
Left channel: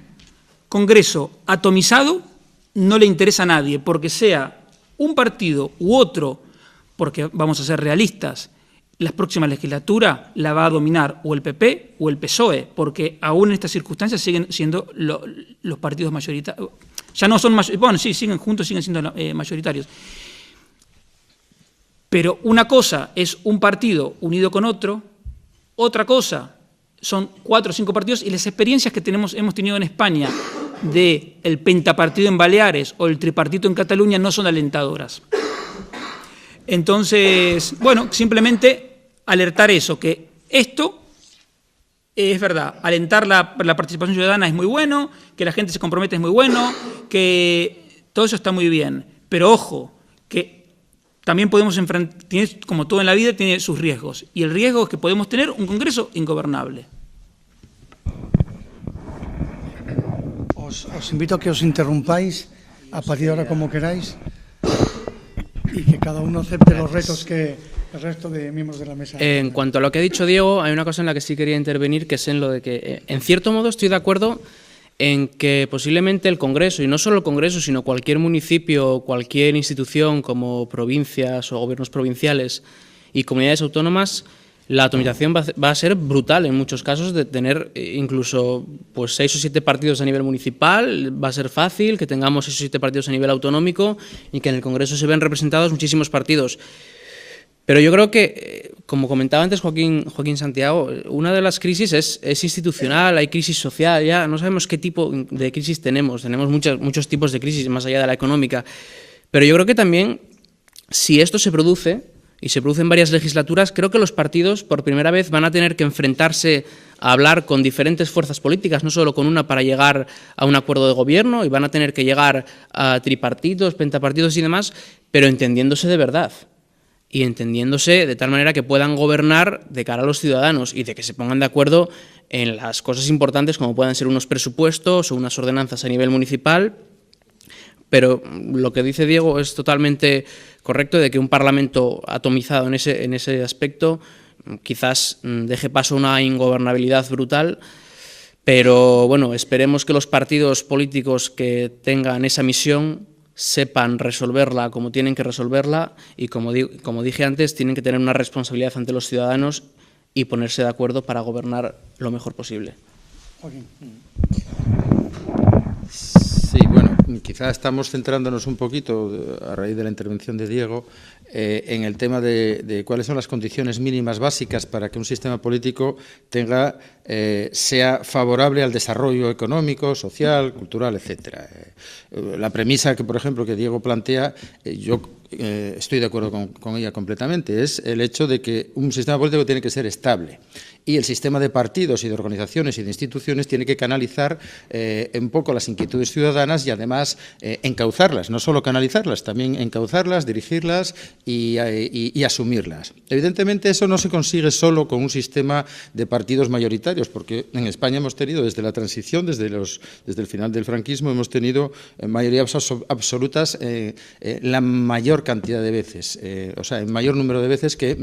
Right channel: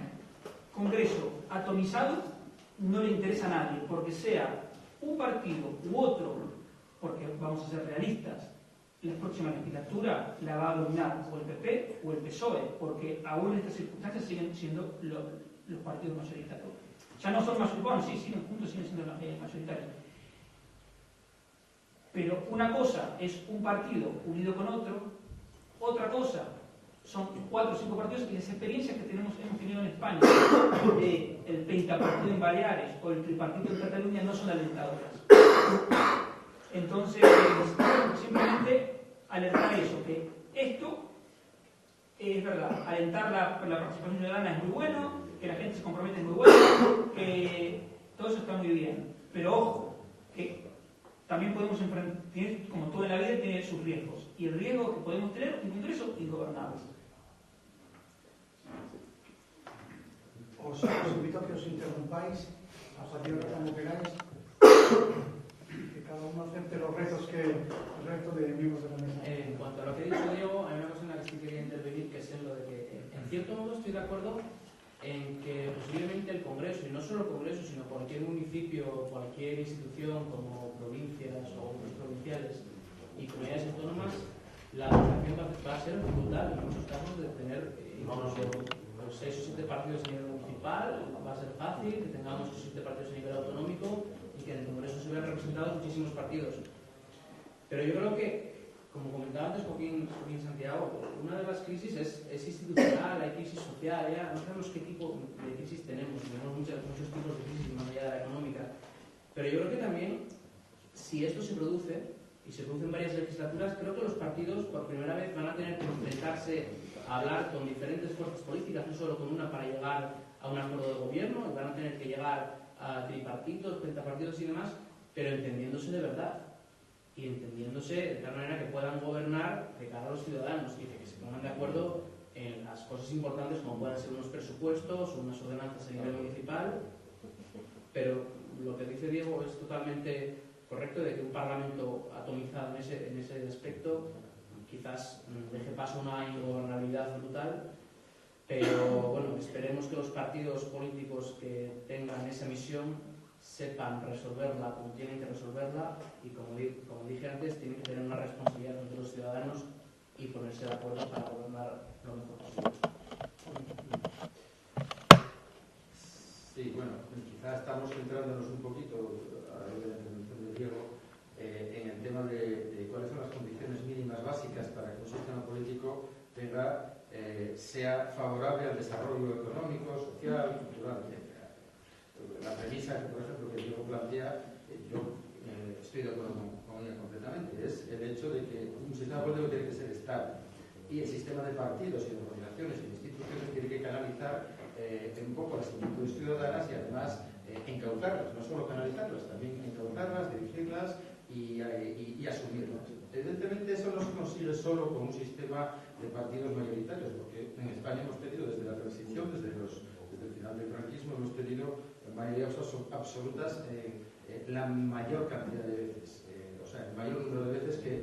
Congreso atomizado no le interesa a nadie, porque sea un partido u otro, porque vamos a ser realistas, la próxima legislatura la va a dominar o el PP o el PSOE, porque aún en estas circunstancias siguen siendo los partidos mayoritarios. Ya no son bueno, sí, siguen juntos, siguen siendo mayoritarios. Pero una cosa es un partido unido con otro, otra cosa son 4 o 5 partidos, y las experiencias que hemos tenido en España del pentapartido en Baleares o el tripartito en Cataluña no son alentadoras. Entonces, bueno, simplemente alertar eso, que esto es verdad, alentar la participación ciudadana es muy bueno, que la gente se compromete es muy bueno, que todo eso está muy bien, pero ojo, que también podemos enfrentar, como todo en la vida, tiene sus riesgos, y el riesgo es que podemos tener un Congreso ingobernable. Os invito a que os interrumpáis a partir de ahora como queráis y que cada uno acepte los retos que el resto de miembros de la mesa. En cuanto a lo que ha dicho Diego, hay una cosa en la que sí quería intervenir, que es en lo de que, en cierto modo, estoy de acuerdo en que posiblemente el Congreso, y no solo el Congreso, sino cualquier municipio o cualquier institución como provincias o gobiernos provinciales y comunidades autónomas, la atomización va a ser brutal en muchos casos, de tener incluso pues 6 o 7 partidos a nivel municipal. Va a ser fácil que tengamos 6 o 7 partidos a nivel autonómico y que en el Congreso se ven representados muchísimos partidos. Pero yo creo que, como comentaba antes Joaquín Santiago, una de las crisis es institucional, hay crisis social, ya no sabemos qué tipo de crisis tenemos muchos tipos de crisis más allá de la económica, pero yo creo que también, si esto se produce, y se produce en varias legislaturas, creo que los partidos por primera vez van a tener que enfrentarse a hablar con diferentes fuerzas políticas, no solo con una, para llegar a un acuerdo de gobierno, y van a tener que llegar a tripartitos, pentapartidos y demás, pero entendiéndose de verdad. Y entendiéndose de tal manera que puedan gobernar de cara a los ciudadanos y de que se pongan de acuerdo en las cosas importantes como puedan ser unos presupuestos o unas ordenanzas a nivel municipal. Pero lo que dice Diego es totalmente correcto, de que un Parlamento atomizado en ese aspecto quizás deje paso a una ingobernabilidad brutal. Pero bueno, esperemos que los partidos políticos que tengan esa misión sepan resolverla como tienen que resolverla y, como dije antes, tienen que tener una responsabilidad ante los ciudadanos y ponerse de acuerdo para gobernar lo mejor posible. Sí, bueno, quizá estamos centrándonos un poquito, a raíz de la intervención de Diego, en el tema de cuáles son las condiciones mínimas básicas para que un sistema político sea favorable al desarrollo económico, social, cultural, etcétera. La premisa que, por ejemplo, que Diego plantea, yo estoy de acuerdo con ella completamente, es el hecho de que un sistema político tiene que ser estable. Y el sistema de partidos y de organizaciones y de instituciones tiene que canalizar un poco las inquietudes ciudadanas y además encauzarlas, no solo canalizarlas, también encauzarlas, dirigirlas y asumirlas. Evidentemente eso no se consigue solo con un sistema de partidos mayoritarios, porque en España hemos tenido desde la transición, desde el final del franquismo, hemos tenido mayorías absolutas la mayor cantidad de veces, o sea, el mayor número de veces que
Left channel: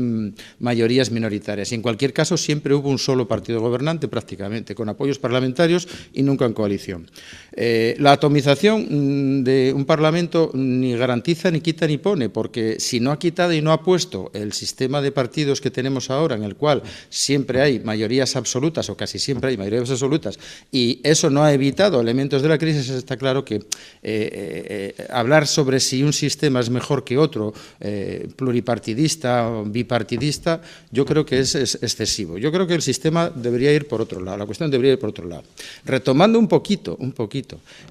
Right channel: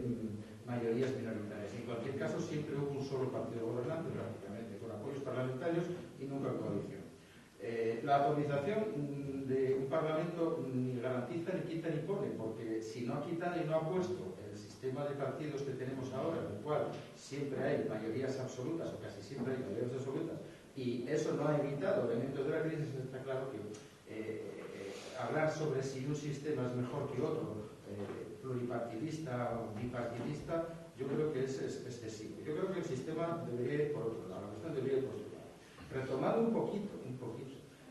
mayorías minoritarias. Y en cualquier caso siempre hubo un solo partido gobernante prácticamente, con apoyos parlamentarios y nunca en coalición. La atomización de un Parlamento ni garantiza, ni quita, ni pone, porque si no ha quitado y no ha puesto el sistema de partidos que tenemos ahora, en el cual siempre hay mayorías absolutas, o casi siempre hay mayorías absolutas, y eso no ha evitado elementos de la crisis, está claro que hablar sobre si un sistema es mejor que otro, pluripartidista o bipartidista, yo creo que es excesivo. Yo creo que el sistema debería ir por otro lado, la cuestión debería ir por otro lado. Retomando un poquito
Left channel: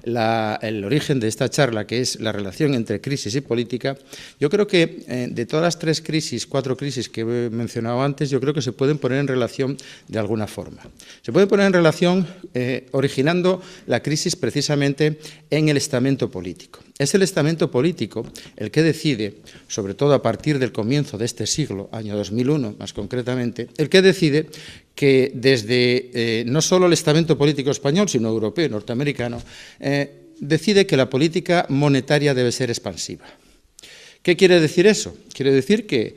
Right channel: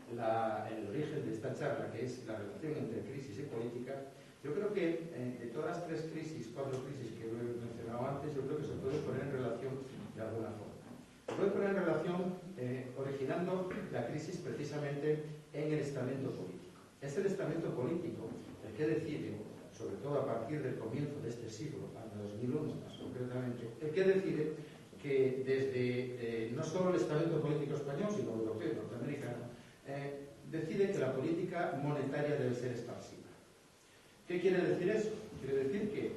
el origen de esta charla, que es la relación entre crisis y política, yo creo que de todas las 3 crisis, 4 crisis que he mencionado antes, yo creo que se pueden poner en relación de alguna forma. Se pueden poner en relación originando la crisis precisamente en el estamento político. Es el estamento político el que decide, sobre todo a partir del comienzo de este siglo, año 2001 más concretamente, el que decide que desde no solo el estamento político español, sino europeo y norteamericano, decide que la política monetaria debe ser expansiva. ¿Qué quiere decir eso? Quiere decir que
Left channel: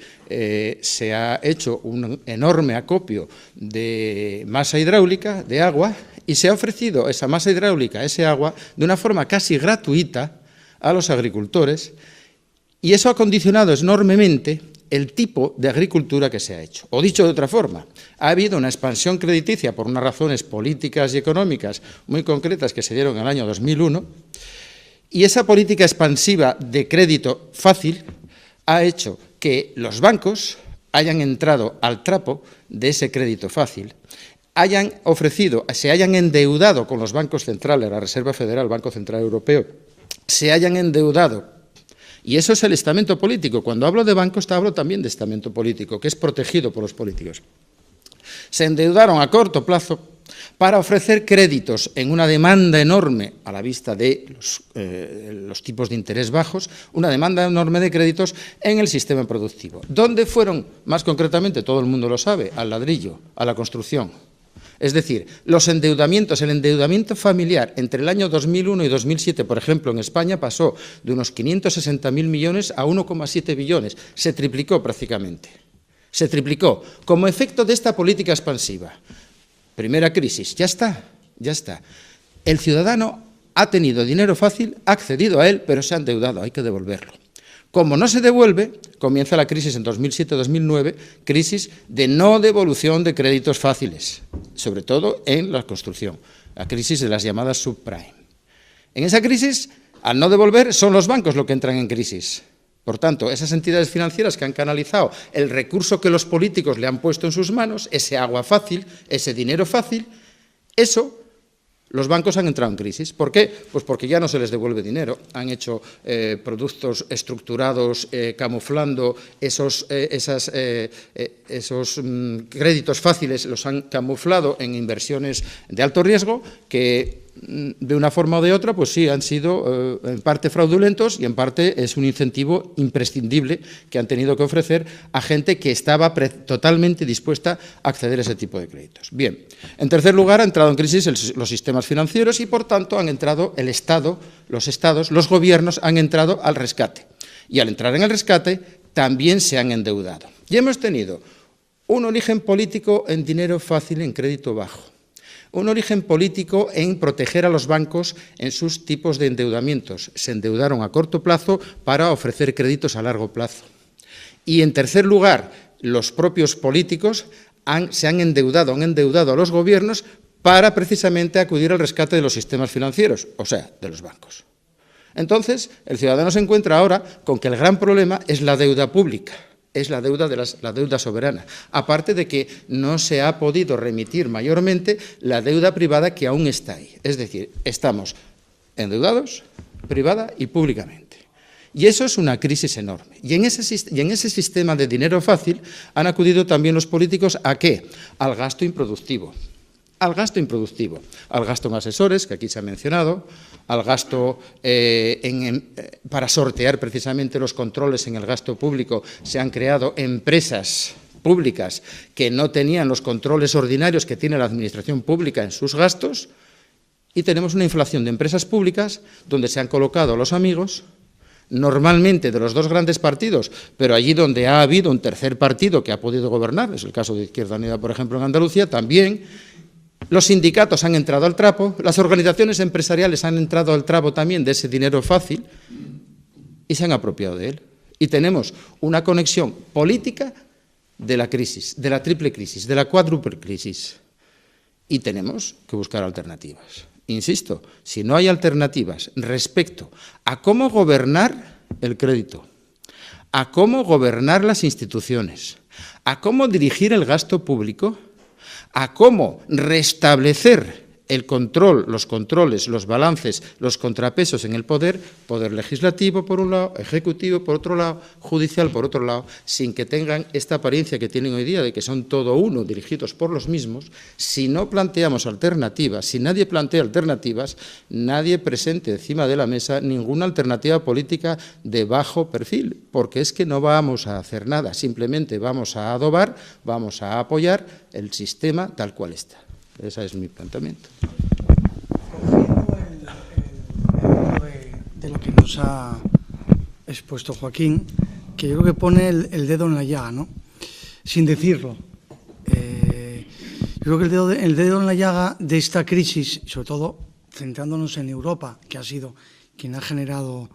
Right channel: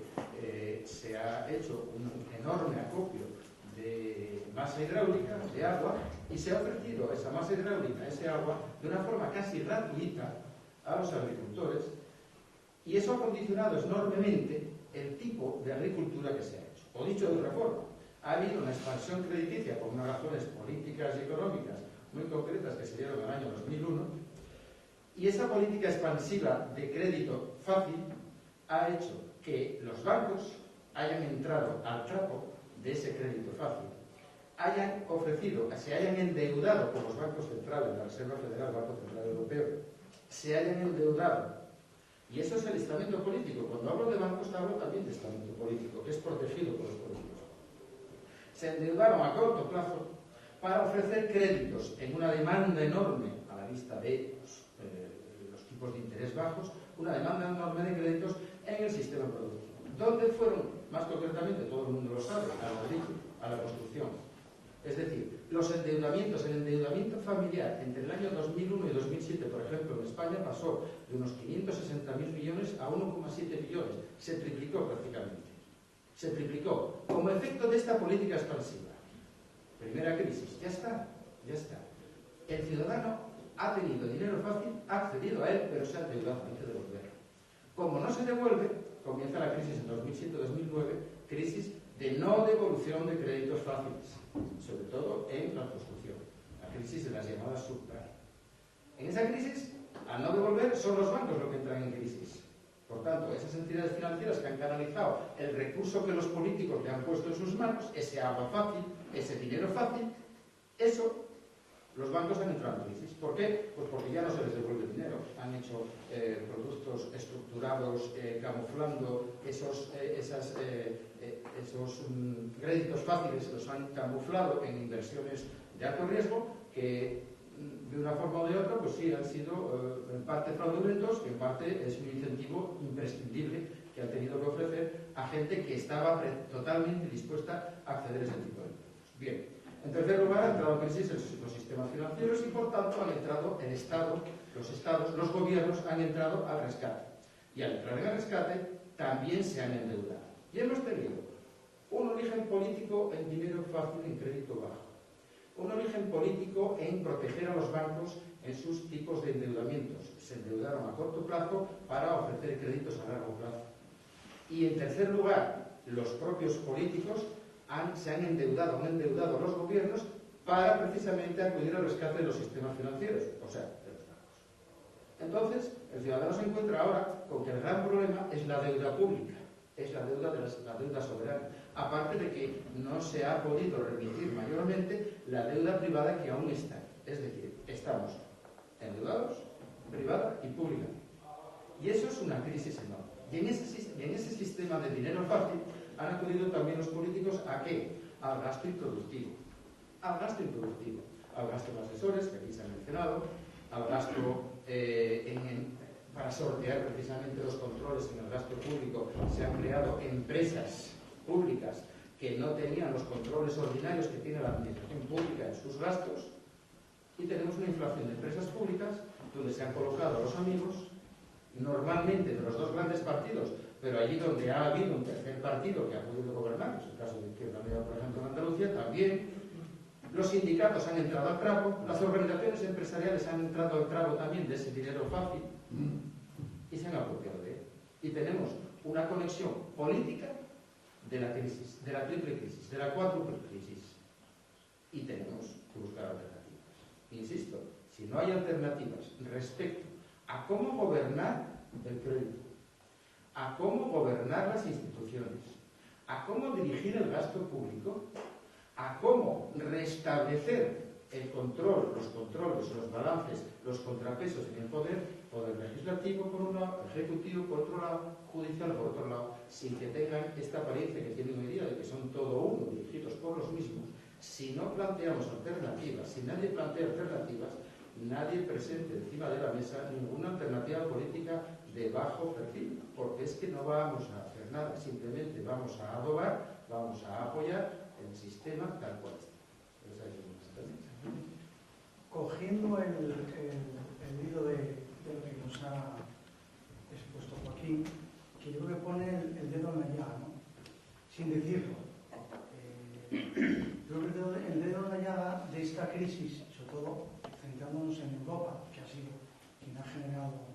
se ha hecho un enorme acopio de masa hidráulica, de agua, y se ha ofrecido esa masa hidráulica, ese agua, de una forma casi gratuita a los agricultores, y eso ha condicionado enormemente el tipo de agricultura que se ha hecho. O dicho de otra forma, ha habido una expansión crediticia por unas razones políticas y económicas muy concretas que se dieron en el año 2001, y esa política expansiva de crédito fácil ha hecho que los bancos hayan entrado al trapo de ese crédito fácil, hayan ofrecido, se hayan endeudado con los bancos centrales, la Reserva Federal, el Banco Central Europeo, se hayan endeudado. Y eso es el estamento político. Cuando hablo de bancos, hablo también de estamento político, que es protegido por los políticos. Se endeudaron a corto plazo para ofrecer créditos en una demanda enorme, a la vista de los tipos de interés bajos, una demanda enorme de créditos en el sistema productivo. ¿Dónde fueron, más concretamente, todo el mundo lo sabe, al ladrillo, a la construcción? Es decir, los endeudamientos, el endeudamiento familiar entre el año 2001 y 2007, por ejemplo, en España pasó de unos 560.000 millones a 1,7 billones. Se triplicó prácticamente. Se triplicó como efecto de esta política expansiva. Primera crisis, ya está. El ciudadano ha tenido dinero fácil, ha accedido a él, pero se ha endeudado, hay que devolverlo. Como no se devuelve, comienza la crisis en 2007-2009, crisis de no devolución de créditos fáciles, sobre todo en la construcción, la crisis de las llamadas subprime. En esa crisis, al no devolver, son los bancos los que entran en crisis. Por tanto, esas entidades financieras que han canalizado el recurso que los políticos le han puesto en sus manos, ese agua fácil, ese dinero fácil, eso, los bancos han entrado en crisis. ¿Por qué? Pues porque ya no se les devuelve dinero. Han hecho productos estructurados camuflando esos créditos fáciles, los han camuflado en inversiones de alto riesgo que de una forma o de otra, pues sí, han sido en parte fraudulentos y en parte es un incentivo imprescindible que han tenido que ofrecer a gente que estaba totalmente dispuesta a acceder a ese tipo de créditos. Bien, en tercer lugar, han entrado en crisis los sistemas financieros y, por tanto, han entrado el Estado, los estados, los gobiernos han entrado al rescate. Y al entrar en el rescate, también se han endeudado. Y hemos tenido un origen político en dinero fácil, en crédito bajo. Un origen político en proteger a los bancos en sus tipos de endeudamientos. Se endeudaron a corto plazo para ofrecer créditos a largo plazo. Y, en tercer lugar, los propios políticos se han endeudado a los gobiernos para precisamente acudir al rescate de los sistemas financieros, o sea, de los bancos. Entonces, el ciudadano se encuentra ahora con que el gran problema es la deuda pública. Es la deuda soberana, aparte de que no se ha podido remitir mayormente la deuda privada que aún está ahí. Es decir, estamos endeudados privada y públicamente. Y eso es una crisis enorme. Y en ese sistema de dinero fácil han acudido también los políticos ¿a qué? Al gasto improductivo. Al gasto improductivo, al gasto en asesores, que aquí se ha mencionado, al gasto para sortear precisamente los controles en el gasto público. Se han creado empresas públicas que no tenían los controles ordinarios que tiene la administración pública en sus gastos y tenemos una inflación de empresas públicas donde se han colocado a los amigos normalmente de los dos grandes partidos, pero allí donde ha habido un tercer partido que ha podido gobernar, es el caso de Izquierda Unida, por ejemplo, en Andalucía, también los sindicatos han entrado al trapo, las organizaciones empresariales han entrado al trapo también de ese dinero fácil y se han apropiado de él. Y tenemos una conexión política de la crisis, de la triple crisis, de la cuádruple crisis. Y tenemos que buscar alternativas. Insisto, si no hay alternativas respecto a cómo gobernar el crédito, a cómo gobernar las instituciones, a cómo dirigir el gasto público, a cómo restablecer el control, los controles, los balances, los contrapesos en el poder legislativo por un lado, ejecutivo por otro lado, judicial por otro lado, sin que tengan esta apariencia que tienen hoy día de que son todo uno, dirigidos por los mismos. Si no planteamos alternativas, si nadie plantea alternativas, nadie presente encima de la mesa ninguna alternativa política de bajo perfil, porque es que no vamos a hacer nada, simplemente vamos a adobar, vamos a apoyar el sistema tal cual está. Ese es mi planteamiento. Cogiendo de lo que nos ha expuesto Joaquín, que yo creo que pone el dedo en la llaga, ¿no? Sin decirlo. Yo creo que el dedo en la llaga de esta crisis, sobre todo centrándonos en Europa, que ha sido quien ha generado,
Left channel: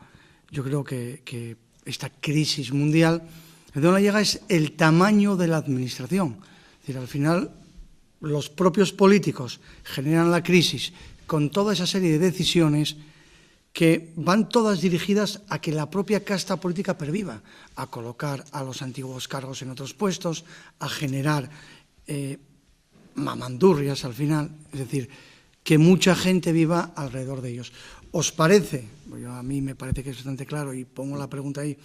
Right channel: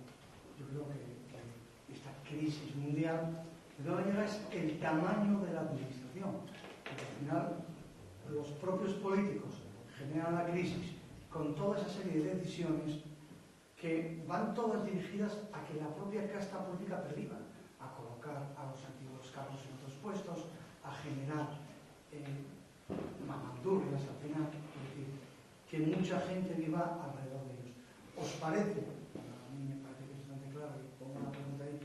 yo creo que esta crisis mundial, el dedo en la llaga es el tamaño de la administración. Pero al final, los propios políticos generan la crisis con toda esa serie de decisiones que van todas dirigidas a que la propia casta política perviva, a colocar a los antiguos cargos en otros puestos, a generar mamandurrias al final, es decir, que mucha gente viva alrededor de ellos. ¿Os parece? A mí me parece que es bastante claro y pongo la pregunta ahí,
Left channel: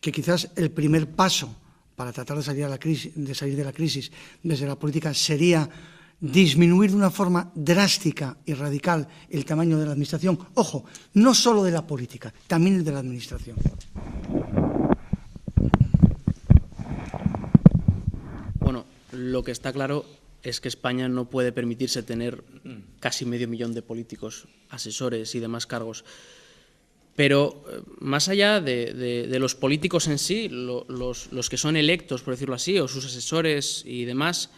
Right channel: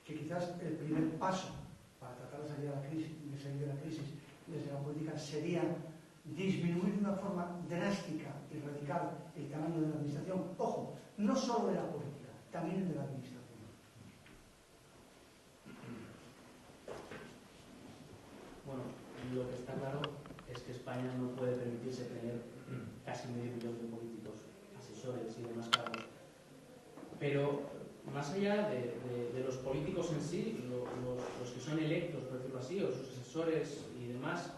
que quizás el primer paso para tratar de salir de la crisis desde la política sería disminuir de una forma drástica y radical el tamaño de la administración. Ojo, no solo de la política, también el de la administración. Bueno, lo que está claro es que España no puede permitirse tener casi 500.000 de políticos, asesores y demás cargos. Pero más allá de los políticos en sí, los que son electos, por decirlo así, o sus asesores y demás,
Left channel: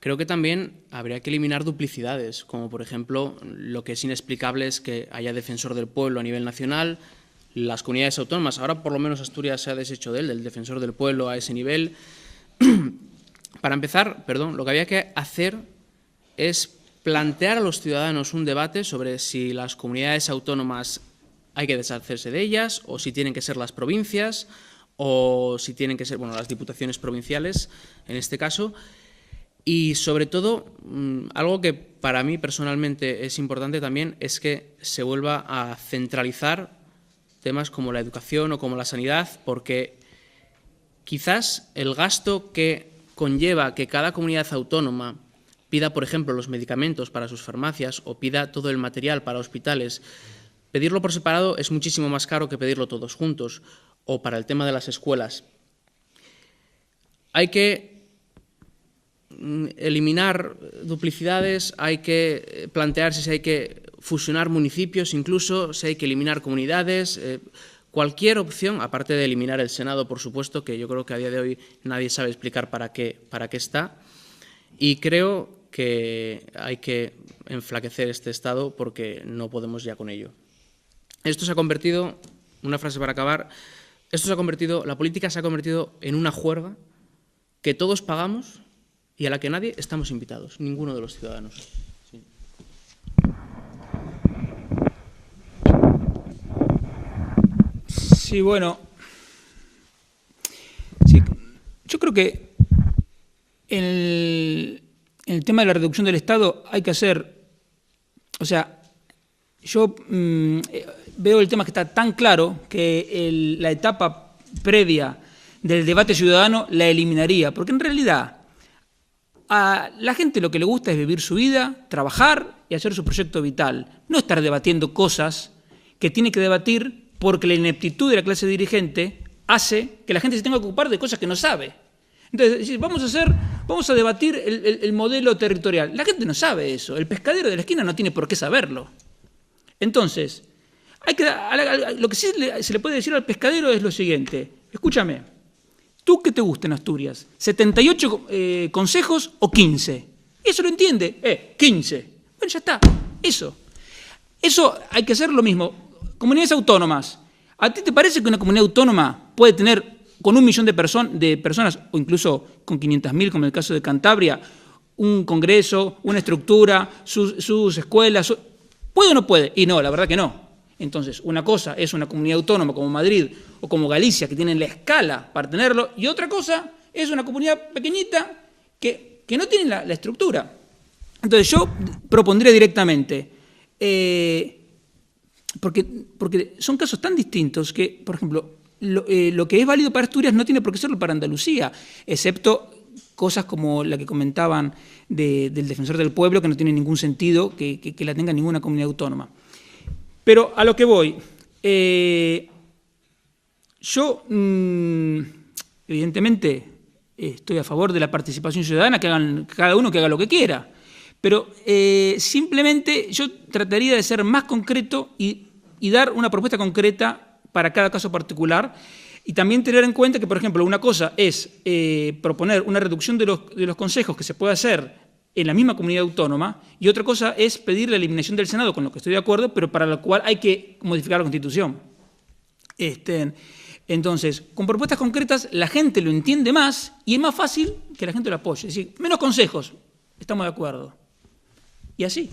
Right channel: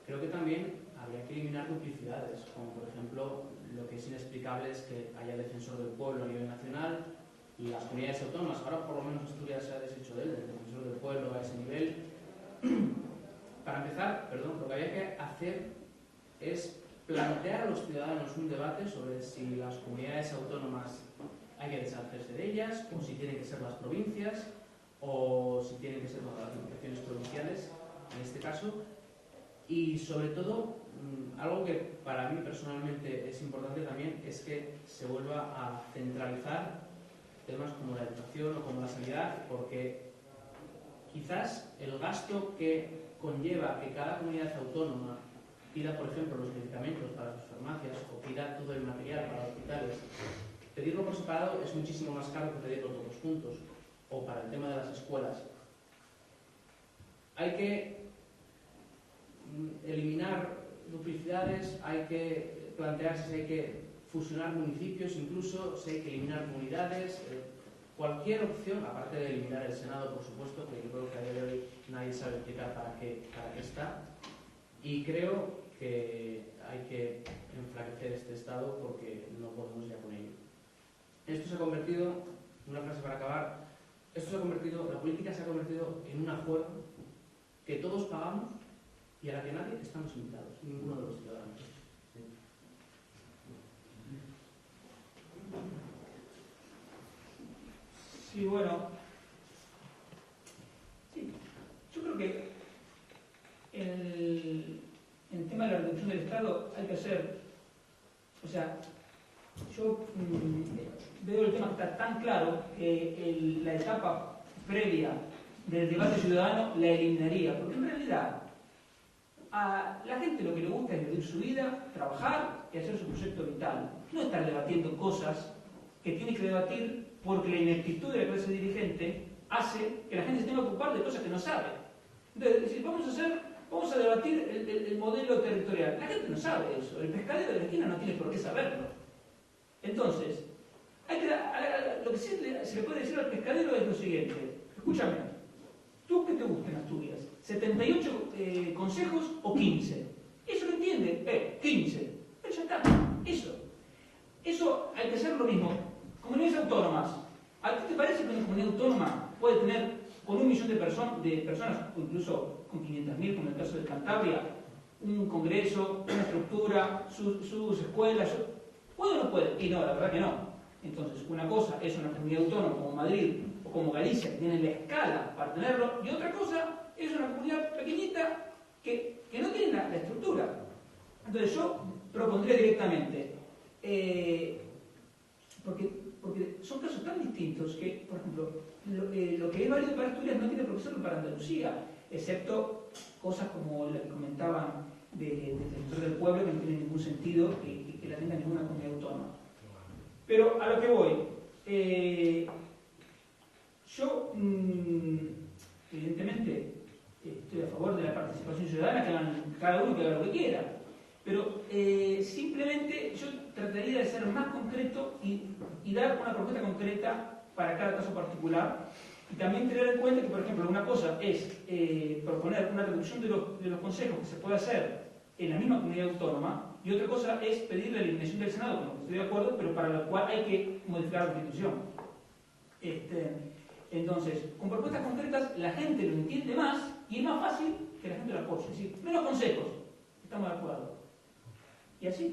creo que también habría que eliminar duplicidades, como por ejemplo lo que es inexplicable es que haya defensor del pueblo a nivel nacional, las comunidades autónomas, ahora por lo menos Asturias se ha deshecho de él, del defensor del pueblo a ese nivel. Para empezar, lo que había que hacer es plantear a los ciudadanos un debate sobre si las comunidades autónomas hay que deshacerse de ellas, o si tienen que ser las provincias, o si tienen que ser las diputaciones provinciales, en este caso. Y, sobre todo, algo que para mí personalmente es importante también es que se vuelva a centralizar temas como la educación o como la sanidad, porque quizás el gasto que conlleva que cada comunidad autónoma pida, por ejemplo, los medicamentos para sus farmacias o pida todo el material para hospitales, pedirlo por separado es muchísimo más caro que pedirlo todos juntos, o para el tema de las escuelas. Hay que eliminar duplicidades, hay que plantearse si hay que fusionar municipios, incluso si hay que eliminar comunidades, cualquier opción, aparte de eliminar el Senado, por supuesto, que yo creo que a día de hoy nadie sabe explicar para qué está, y creo que hay que enflaquecer este Estado porque no podemos ya con ello. Esto se ha convertido, una frase para acabar, la política se ha convertido en una juerga que todos pagamos y a la que nadie estamos invitados, ninguno de los ciudadanos. Sí, bueno, sí, yo creo que en el tema de la reducción del Estado hay que hacer, yo veo el tema que está tan claro que la etapa previa del debate ciudadano la eliminaría, porque en realidad a la gente lo que le gusta es vivir su vida, trabajar y hacer su proyecto vital, no estar debatiendo cosas que tiene que debatir porque la ineptitud de la clase dirigente hace que la gente se tenga que ocupar de cosas que no sabe. Entonces, vamos a debatir el modelo territorial. La gente no sabe eso, el pescadero de la esquina no tiene por qué saberlo. Entonces, Lo que sí se le puede decir al pescadero es lo siguiente. Escúchame, ¿tú qué te gusta en Asturias? ¿78 consejos o 15? Eso lo entiende. 15. Bueno, ya está. Eso hay que hacer lo mismo. Comunidades autónomas. ¿A ti te parece que una comunidad autónoma puede tener con 1 millón de personas, o incluso con 500.000, como en el caso de Cantabria, un congreso, una estructura, sus escuelas? ¿Puede o no puede? Y no, la verdad que no. Entonces, una cosa es una comunidad autónoma como Madrid o como Galicia, que tienen la escala para tenerlo, y otra cosa es una comunidad pequeñita que no tiene la estructura. Entonces, yo propondría directamente, porque son casos tan distintos que, por ejemplo, lo que es válido para Asturias no tiene por qué serlo para Andalucía, excepto cosas como la que comentaban del Defensor del Pueblo, que no tiene ningún sentido que la tenga ninguna comunidad autónoma. Pero a lo que voy, yo evidentemente estoy a favor de la participación ciudadana, cada uno que haga lo que quiera, pero simplemente yo trataría de ser más concreto y dar una propuesta concreta para cada caso particular, y también tener en cuenta que, por ejemplo, una cosa es proponer una reducción de los consejos que se puede hacer en la misma comunidad autónoma, y otra cosa es pedir la eliminación del Senado, con lo que estoy de acuerdo, pero para lo cual hay que modificar la Constitución. Entonces, con propuestas concretas la gente lo entiende más y es más fácil que la gente lo apoye. Es decir, menos consejos, estamos de acuerdo. Y así.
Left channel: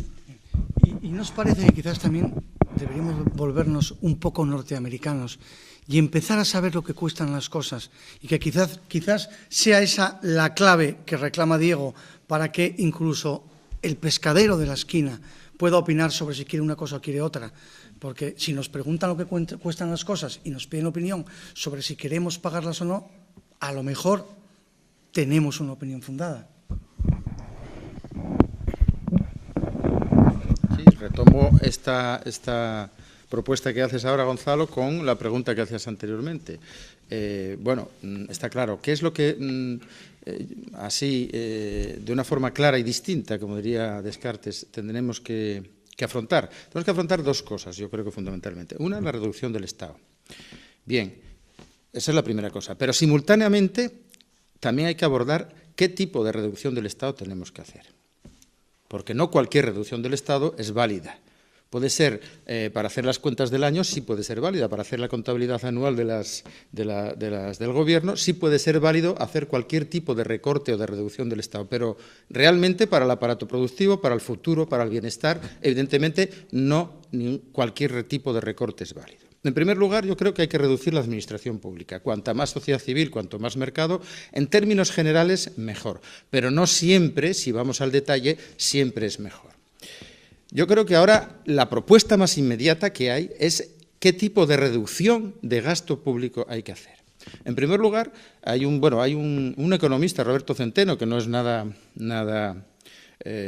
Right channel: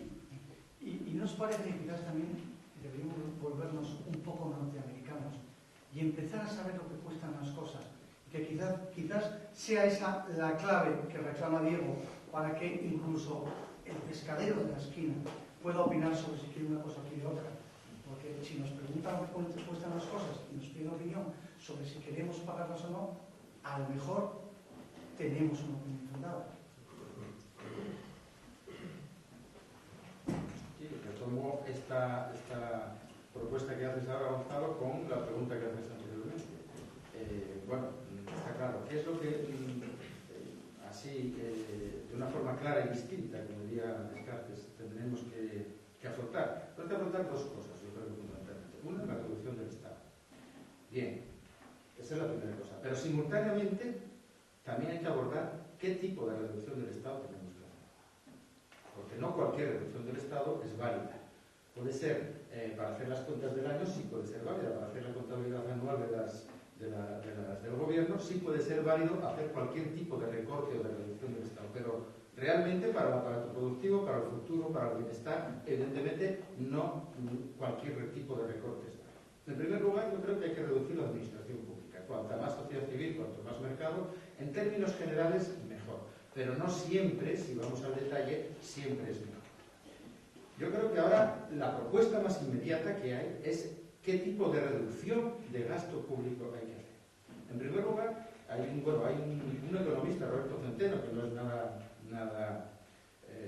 ¿Y nos parece que quizás también deberíamos volvernos un poco norteamericanos y empezar a saber lo que cuestan las cosas? Y que quizás sea esa la clave que reclama Diego, para que incluso el pescadero de la esquina pueda opinar sobre si quiere una cosa o quiere otra. Porque si nos preguntan lo que cuestan las cosas y nos piden opinión sobre si queremos pagarlas o no, a lo mejor tenemos una opinión fundada. Sí, retomo esta propuesta que haces ahora, Gonzalo, con la pregunta que hacías anteriormente. Bueno, está claro. ¿Qué es lo que... de una forma clara y distinta, como diría Descartes, tendremos que afrontar? Tenemos que afrontar 2 cosas, yo creo que fundamentalmente. Una, la reducción del Estado. Bien, esa es la primera cosa. Pero simultáneamente también hay que abordar qué tipo de reducción del Estado tenemos que hacer. Porque no cualquier reducción del Estado es válida. Puede ser, para hacer las cuentas del año, sí puede ser válida. Para hacer la contabilidad anual del Gobierno, sí puede ser válido hacer cualquier tipo de recorte o de reducción del Estado. Pero realmente para el aparato productivo, para el futuro, para el bienestar, evidentemente no cualquier tipo de recorte es válido. En primer lugar, yo creo que hay que reducir la administración pública. Cuanta más sociedad civil, cuanto más mercado, en términos generales, mejor. Pero no siempre, si vamos al detalle, siempre es mejor. Yo creo que ahora la propuesta más inmediata que hay es qué tipo de reducción de gasto público hay que hacer. En primer lugar, hay un economista, Roberto Centeno, que no es nada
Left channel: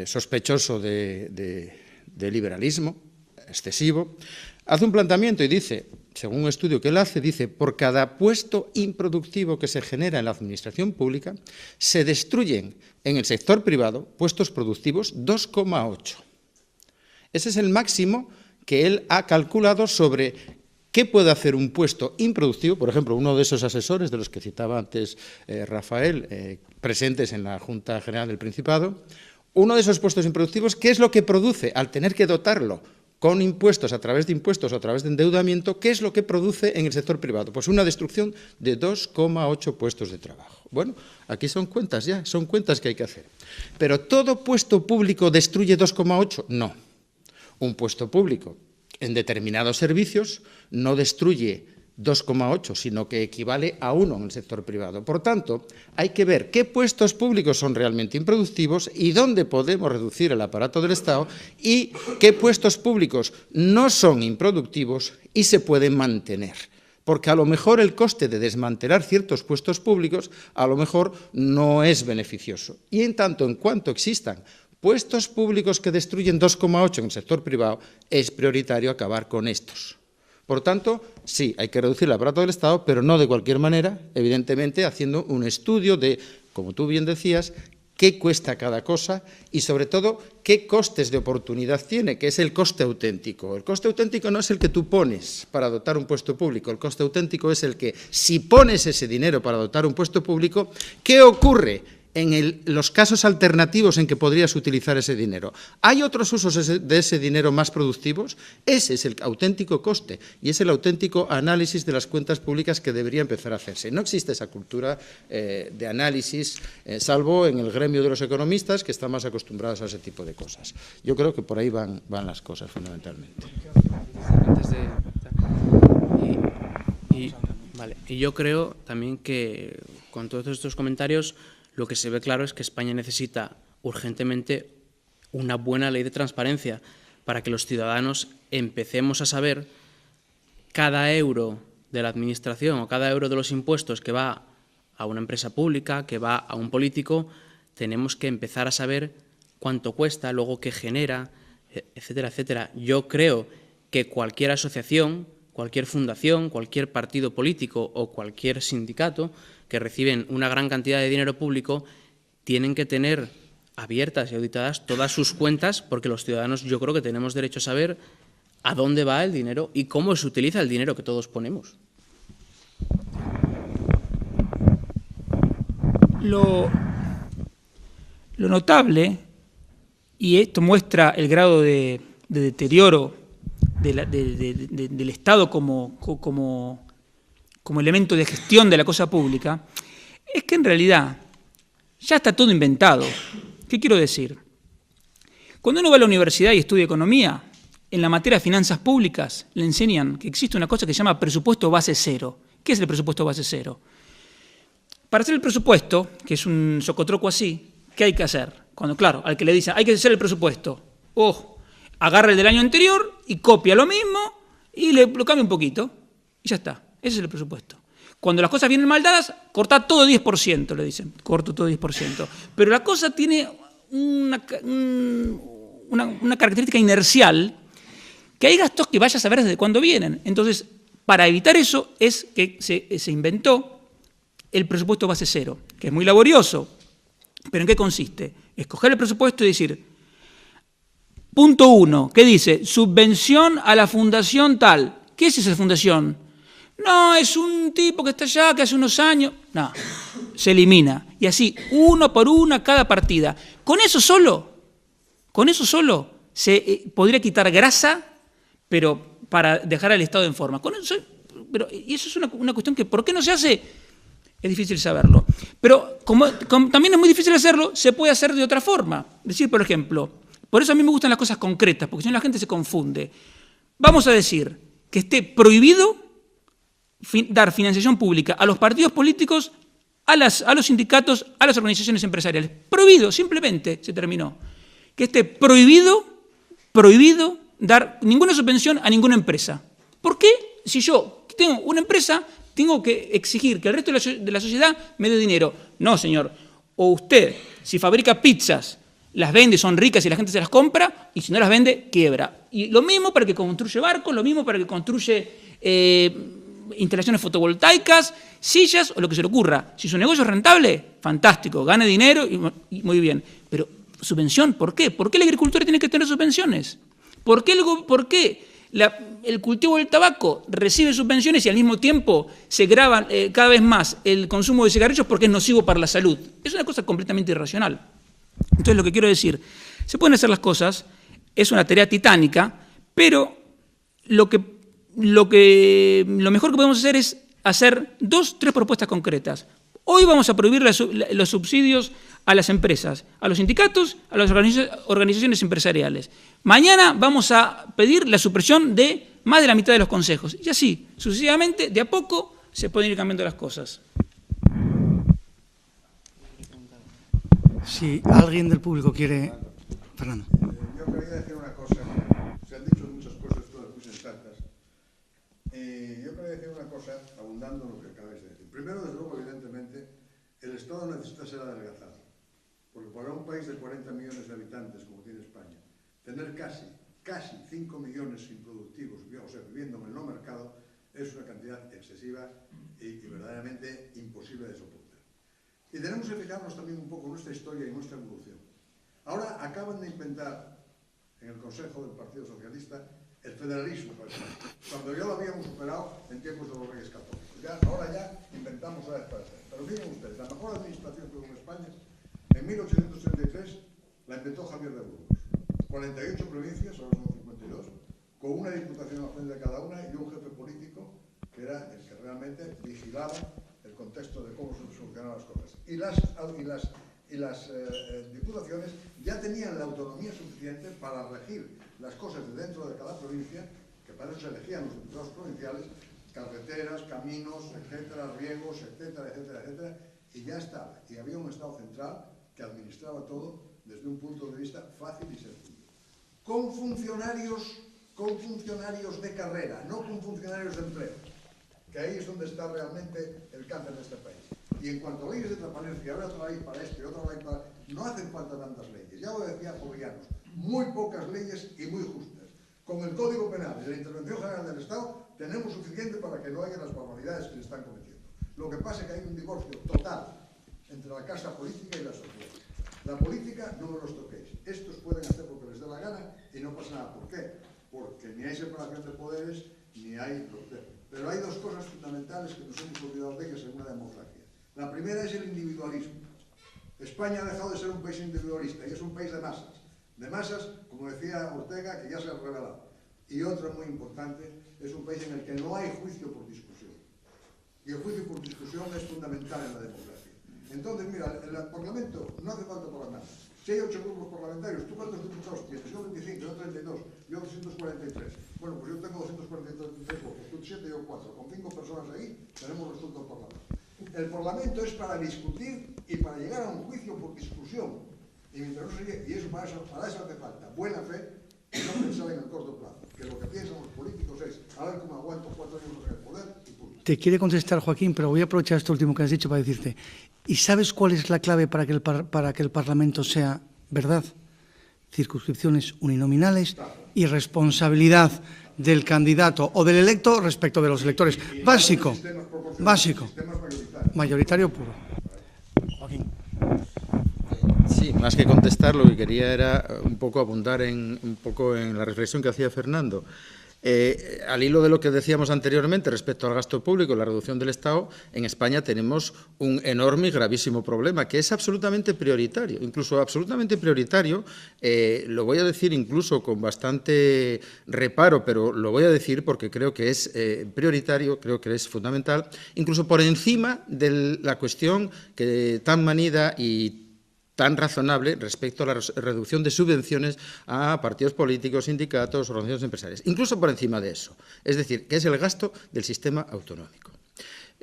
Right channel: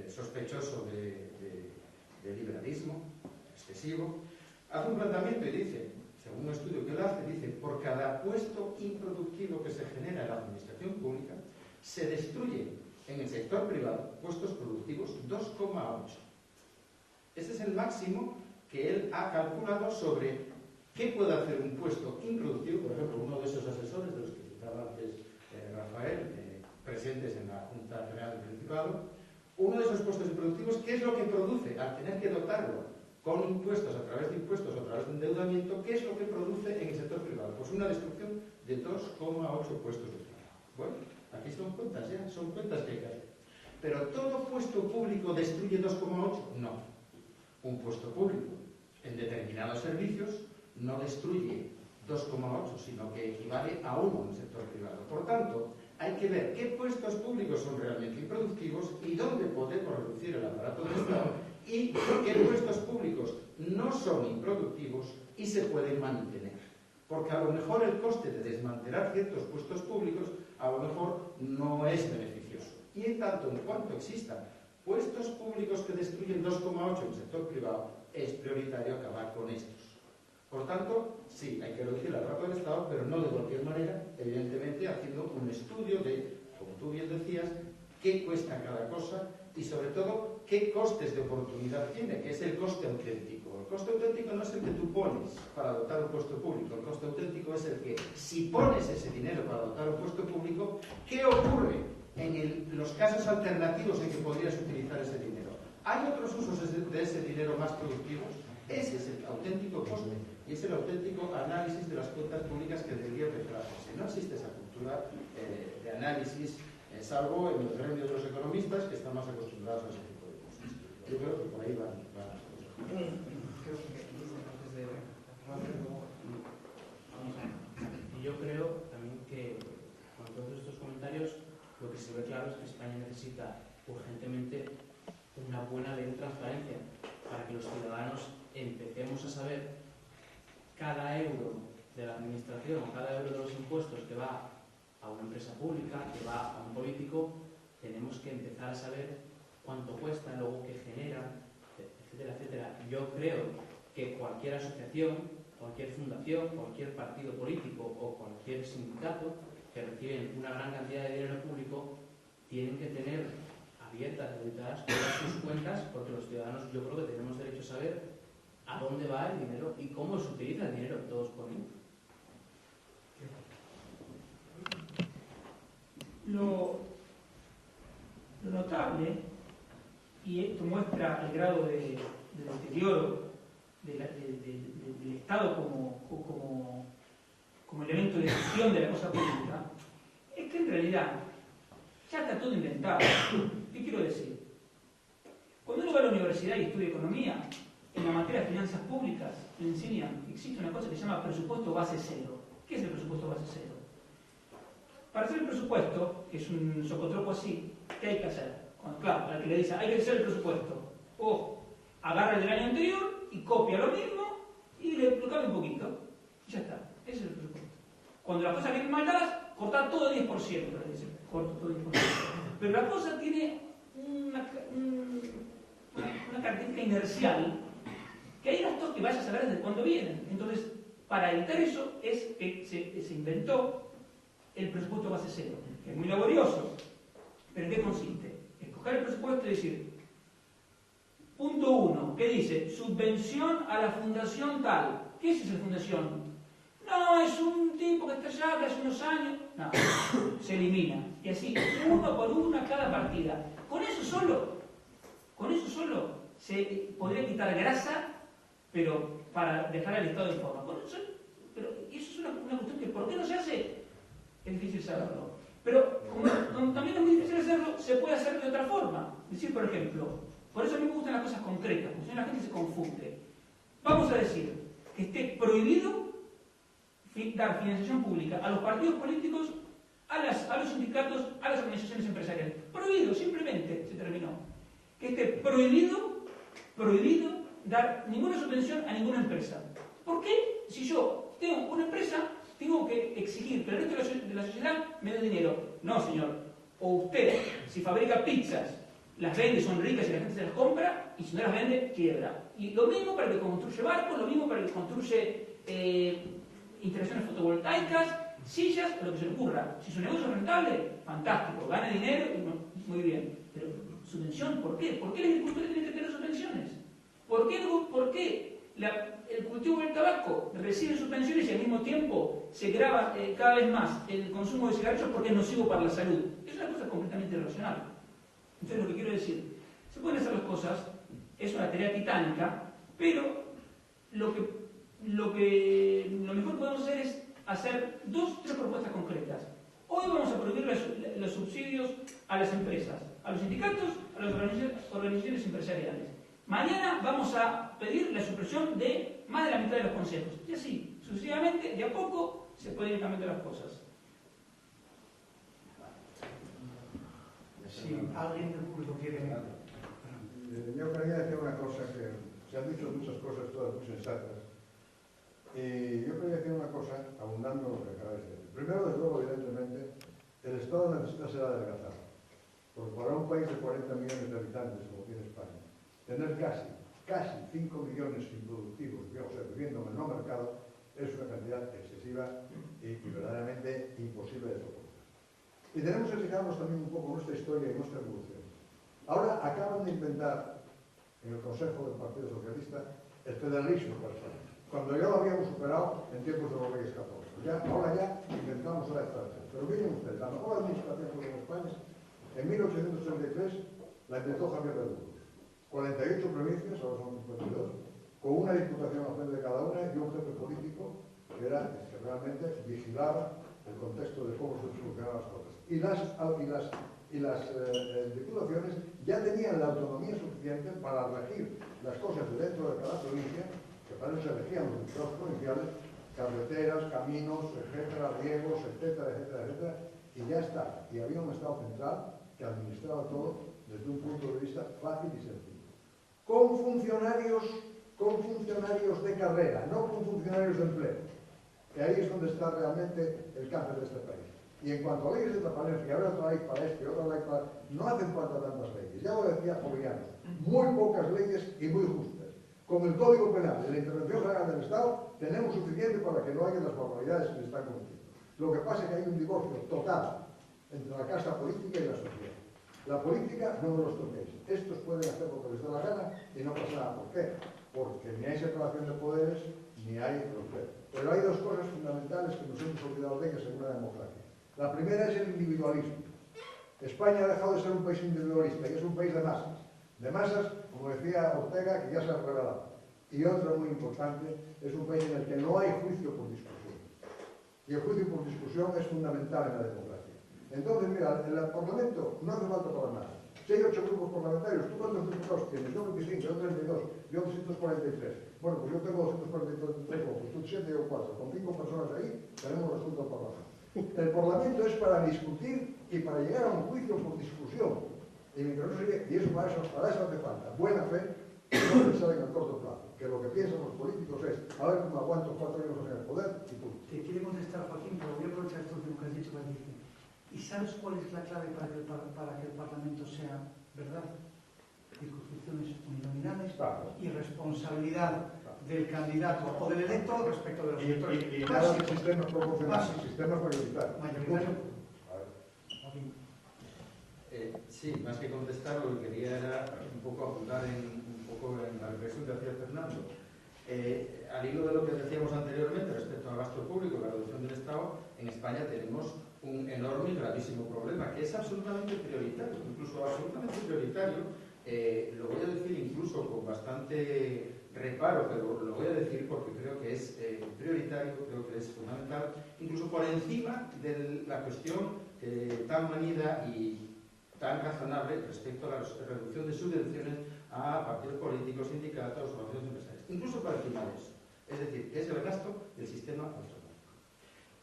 sospechoso de liberalismo excesivo, hace un planteamiento y dice, según un estudio que él hace, dice, por cada puesto improductivo que se genera en la administración pública, se destruyen en el sector privado puestos productivos 2,8. Ese es el máximo que él ha calculado sobre qué puede hacer un puesto improductivo. Por ejemplo, uno de esos asesores de los que citaba antes Rafael, presentes en la Junta General del Principado, uno de esos puestos improductivos, ¿qué es lo que produce al tener que dotarlo con impuestos, a través de impuestos o a través de endeudamiento? ¿Qué es lo que produce en el sector privado? Pues una destrucción de 2,8 puestos de trabajo. Bueno, aquí son cuentas ya, son cuentas que hay que hacer. ¿Pero todo puesto público destruye 2,8? No. Un puesto público en determinados servicios no destruye 2,8, sino que equivale a 1 en el sector privado. Por tanto, hay que ver qué puestos públicos son realmente improductivos y dónde podemos reducir el aparato del Estado y qué puestos públicos no son improductivos y se pueden mantener. Porque a lo mejor el coste de desmantelar ciertos puestos públicos a lo mejor no es beneficioso. Y en tanto en cuanto existan puestos públicos que destruyen 2,8 en el sector privado, es prioritario acabar con estos. Por tanto, sí, hay que reducir el aparato del Estado, pero no de cualquier manera, evidentemente haciendo un estudio de, como tú bien decías, qué cuesta cada cosa y, sobre todo, qué costes de oportunidad tiene, que es el coste auténtico. El coste auténtico no es el que tú pones para dotar un puesto público, el coste auténtico es el que, si pones ese dinero para dotar un puesto público, ¿qué ocurre en los casos alternativos en que podrías utilizar ese dinero? ¿Hay otros usos de ese dinero más productivos? Ese es el auténtico coste y es el auténtico análisis de las cuentas públicas que debería empezar a hacerse. No existe esa cultura de análisis, salvo en el gremio de los economistas, que están más acostumbrados a ese tipo de cosas. Yo creo que por ahí van las cosas, fundamentalmente. Y yo creo también que con todos estos comentarios lo que se ve claro es que España necesita urgentemente una buena ley de transparencia para que los ciudadanos empecemos a saber cada euro de la administración o cada euro de los impuestos que va a una empresa pública, que va a un político, tenemos que empezar a saber cuánto cuesta, luego qué genera, etcétera, etcétera. Yo creo que cualquier asociación, cualquier fundación, cualquier partido político o cualquier sindicato que reciben una gran cantidad de dinero público, tienen que tener abiertas y auditadas todas sus cuentas, porque los ciudadanos yo creo que tenemos derecho a saber a dónde va el dinero y cómo se utiliza el dinero que todos ponemos. Lo notable, y esto muestra el grado de deterioro del Estado como elemento de gestión de la cosa pública, es que en realidad ya está todo inventado. ¿Qué quiero decir? Cuando uno va a la universidad y estudia economía, en la materia de finanzas públicas le enseñan que existe una cosa que se llama presupuesto base cero. ¿Qué es el presupuesto base cero? Para hacer el presupuesto, que es un socotroco así, ¿qué hay que hacer? Cuando, claro, al que le dicen hay que hacer el presupuesto, agarra el del año anterior y copia lo mismo y lo cambia un poquito y ya está. Ese es el presupuesto. Cuando las cosas vienen mal dadas, corta todo 10%, le dicen. Corto todo 10%. Pero la cosa tiene una característica inercial, que hay gastos que vaya a saber desde cuándo vienen. Entonces, para evitar eso es que se inventó el presupuesto base cero, que es muy laborioso. ¿Pero en qué consiste? Escoger el presupuesto y decir, punto 1, ¿qué dice? Subvención a la fundación tal. ¿Qué es esa fundación? No, es un tipo que está allá, que hace unos años. No, se elimina. Y así, uno por una, cada partida. Con eso solo se podría quitar grasa, pero para dejar al Estado en forma. Y eso es una cuestión que, ¿por qué no se hace? Es difícil saberlo. Pero como también es muy difícil hacerlo, se puede hacer de otra forma. Es decir, por ejemplo, por eso a mí me gustan las cosas concretas, porque si no la gente se confunde. Vamos a decir que esté prohibido dar financiación pública a los partidos políticos, a los sindicatos, a las organizaciones empresariales. Prohibido, simplemente, se terminó. Que esté prohibido dar ninguna subvención a ninguna empresa. ¿Por qué? Si yo tengo una empresa, tengo que exigir que el resto de la sociedad me dé dinero. No, señor. O usted, si fabrica pizzas, las vende, son ricas y la gente se las compra, y si no las vende, quiebra. Y lo mismo para el que construye barcos, lo mismo para el que construye instalaciones fotovoltaicas, sillas o lo que se le ocurra. Si su negocio es rentable, fantástico, gane dinero y muy bien. Pero subvención, ¿por qué? ¿Por qué el agricultor tiene que tener subvenciones? ¿Por qué el cultivo del tabaco recibe subvenciones y al mismo tiempo se graba cada vez más el consumo de cigarrillos porque es nocivo para la salud? Es una cosa completamente irracional. Entonces, lo que quiero decir, se pueden hacer las cosas, es una tarea titánica, pero lo mejor que podemos hacer es hacer 2, 3 propuestas concretas. Hoy vamos a prohibir los subsidios a las empresas, a los sindicatos, a las organizaciones empresariales. Mañana vamos a pedir la supresión de más de la mitad de los consejos. Y así, sucesivamente, de a poco, se pueden ir cambiando las cosas. Si alguien del público quiere... Fernando. Yo quería decir una cosa. Se han dicho muchas cosas, todas muy sensatas. Yo quería decir una cosa, abundando en lo que acabáis de decir. Primero, desde luego, evidentemente, el Estado necesita ser adelgazado. Porque para un país de 40 millones de habitantes, como tiene España, tener casi 5 millones improductivos, o sea, viviendo en el no mercado, es una cantidad excesiva y verdaderamente imposible de soportar. Y tenemos que fijarnos también un poco en nuestra historia y nuestra evolución. Ahora acaban de inventar en el Consejo del Partido Socialista el federalismo, cuando ya lo habíamos superado en tiempos de los Reyes Católicos. Ahora ya inventamos la estrategia. Pero miren ustedes, la mejor administración pública en España, en 1833, la inventó Javier de Burgos. 48 provincias, ahora son 52, con una diputación nacional de cada una y un jefe político que era el que realmente vigilaba el contexto de cómo se solucionaban las cosas. Y las diputaciones ya tenían la autonomía suficiente para elegir las cosas de dentro de cada provincia, que para eso se elegían los diputados provinciales, carreteras, caminos, etcétera, riegos, etcétera, etcétera, etcétera, y ya está. Y había un Estado central que administraba todo desde un punto de vista fácil y sencillo. Con funcionarios de carrera, no con funcionarios de empleo, que ahí es donde está realmente el cáncer de este país. Y en cuanto a leyes de transparencia, ahora otra ley para esto y otra ley para... No hacen falta tantas leyes. Ya lo decía Jovellanos, muy pocas leyes y muy justas. Con el Código Penal de la Intervención General del Estado tenemos suficiente para que no haya las barbaridades que se están cometiendo. Lo que pasa es que hay un divorcio total entre la casa política y la sociedad. La política no me los toquéis. Estos pueden hacer lo que les dé la gana y no pasa nada. ¿Por qué? Porque ni hay separación de poderes ni hay proceso. Pero hay dos cosas fundamentales que nos hemos olvidado de ellas en una democracia. La primera es el individualismo. España ha dejado de ser un país individualista y es un país de masas. De masas, como decía Ortega, que ya se ha revelado. Y otra muy importante, es un país en el que no hay juicio por discusión. Y el juicio por discusión es fundamental en la democracia. Entonces, mira, el Parlamento no hace falta para nada. Si hay 8 grupos parlamentarios, ¿tú cuántos diputados tienes? Yo 25, yo 32, yo 243. Bueno, pues yo tengo 243 votos, tú 7 o 4. Con 5 personas ahí, tenemos resuelto el Parlamento. El Parlamento es para discutir y para llegar a un juicio por discusión. Y eso para eso hace falta buena fe y no pensar en el corto plazo. Que lo que piensan los políticos es a ver cómo aguanto 4 años en el poder y punto. Te quiere contestar Joaquín, pero voy a aprovechar esto último que has dicho para decirte, ¿y sabes cuál es la clave para que el Parlamento sea verdad? Circunscripciones uninominales y responsabilidad del candidato o del electo respecto de los electores. Básico, mayoritario puro. Joaquín. Sí, más que contestar, lo que quería era un poco abundar en la reflexión que hacía Fernando. Al hilo de lo que decíamos anteriormente respecto al gasto público y la reducción del Estado, en España tenemos un enorme y gravísimo problema que es absolutamente prioritario, incluso absolutamente prioritario, lo voy a decir incluso con bastante reparo, pero lo voy a decir porque creo que es prioritario, creo que es fundamental, incluso por encima de la cuestión que tan manida y tan razonable respecto a la reducción de subvenciones a partidos políticos, sindicatos, organizaciones empresariales, incluso por encima de eso, es decir, que es el gasto del sistema autonómico.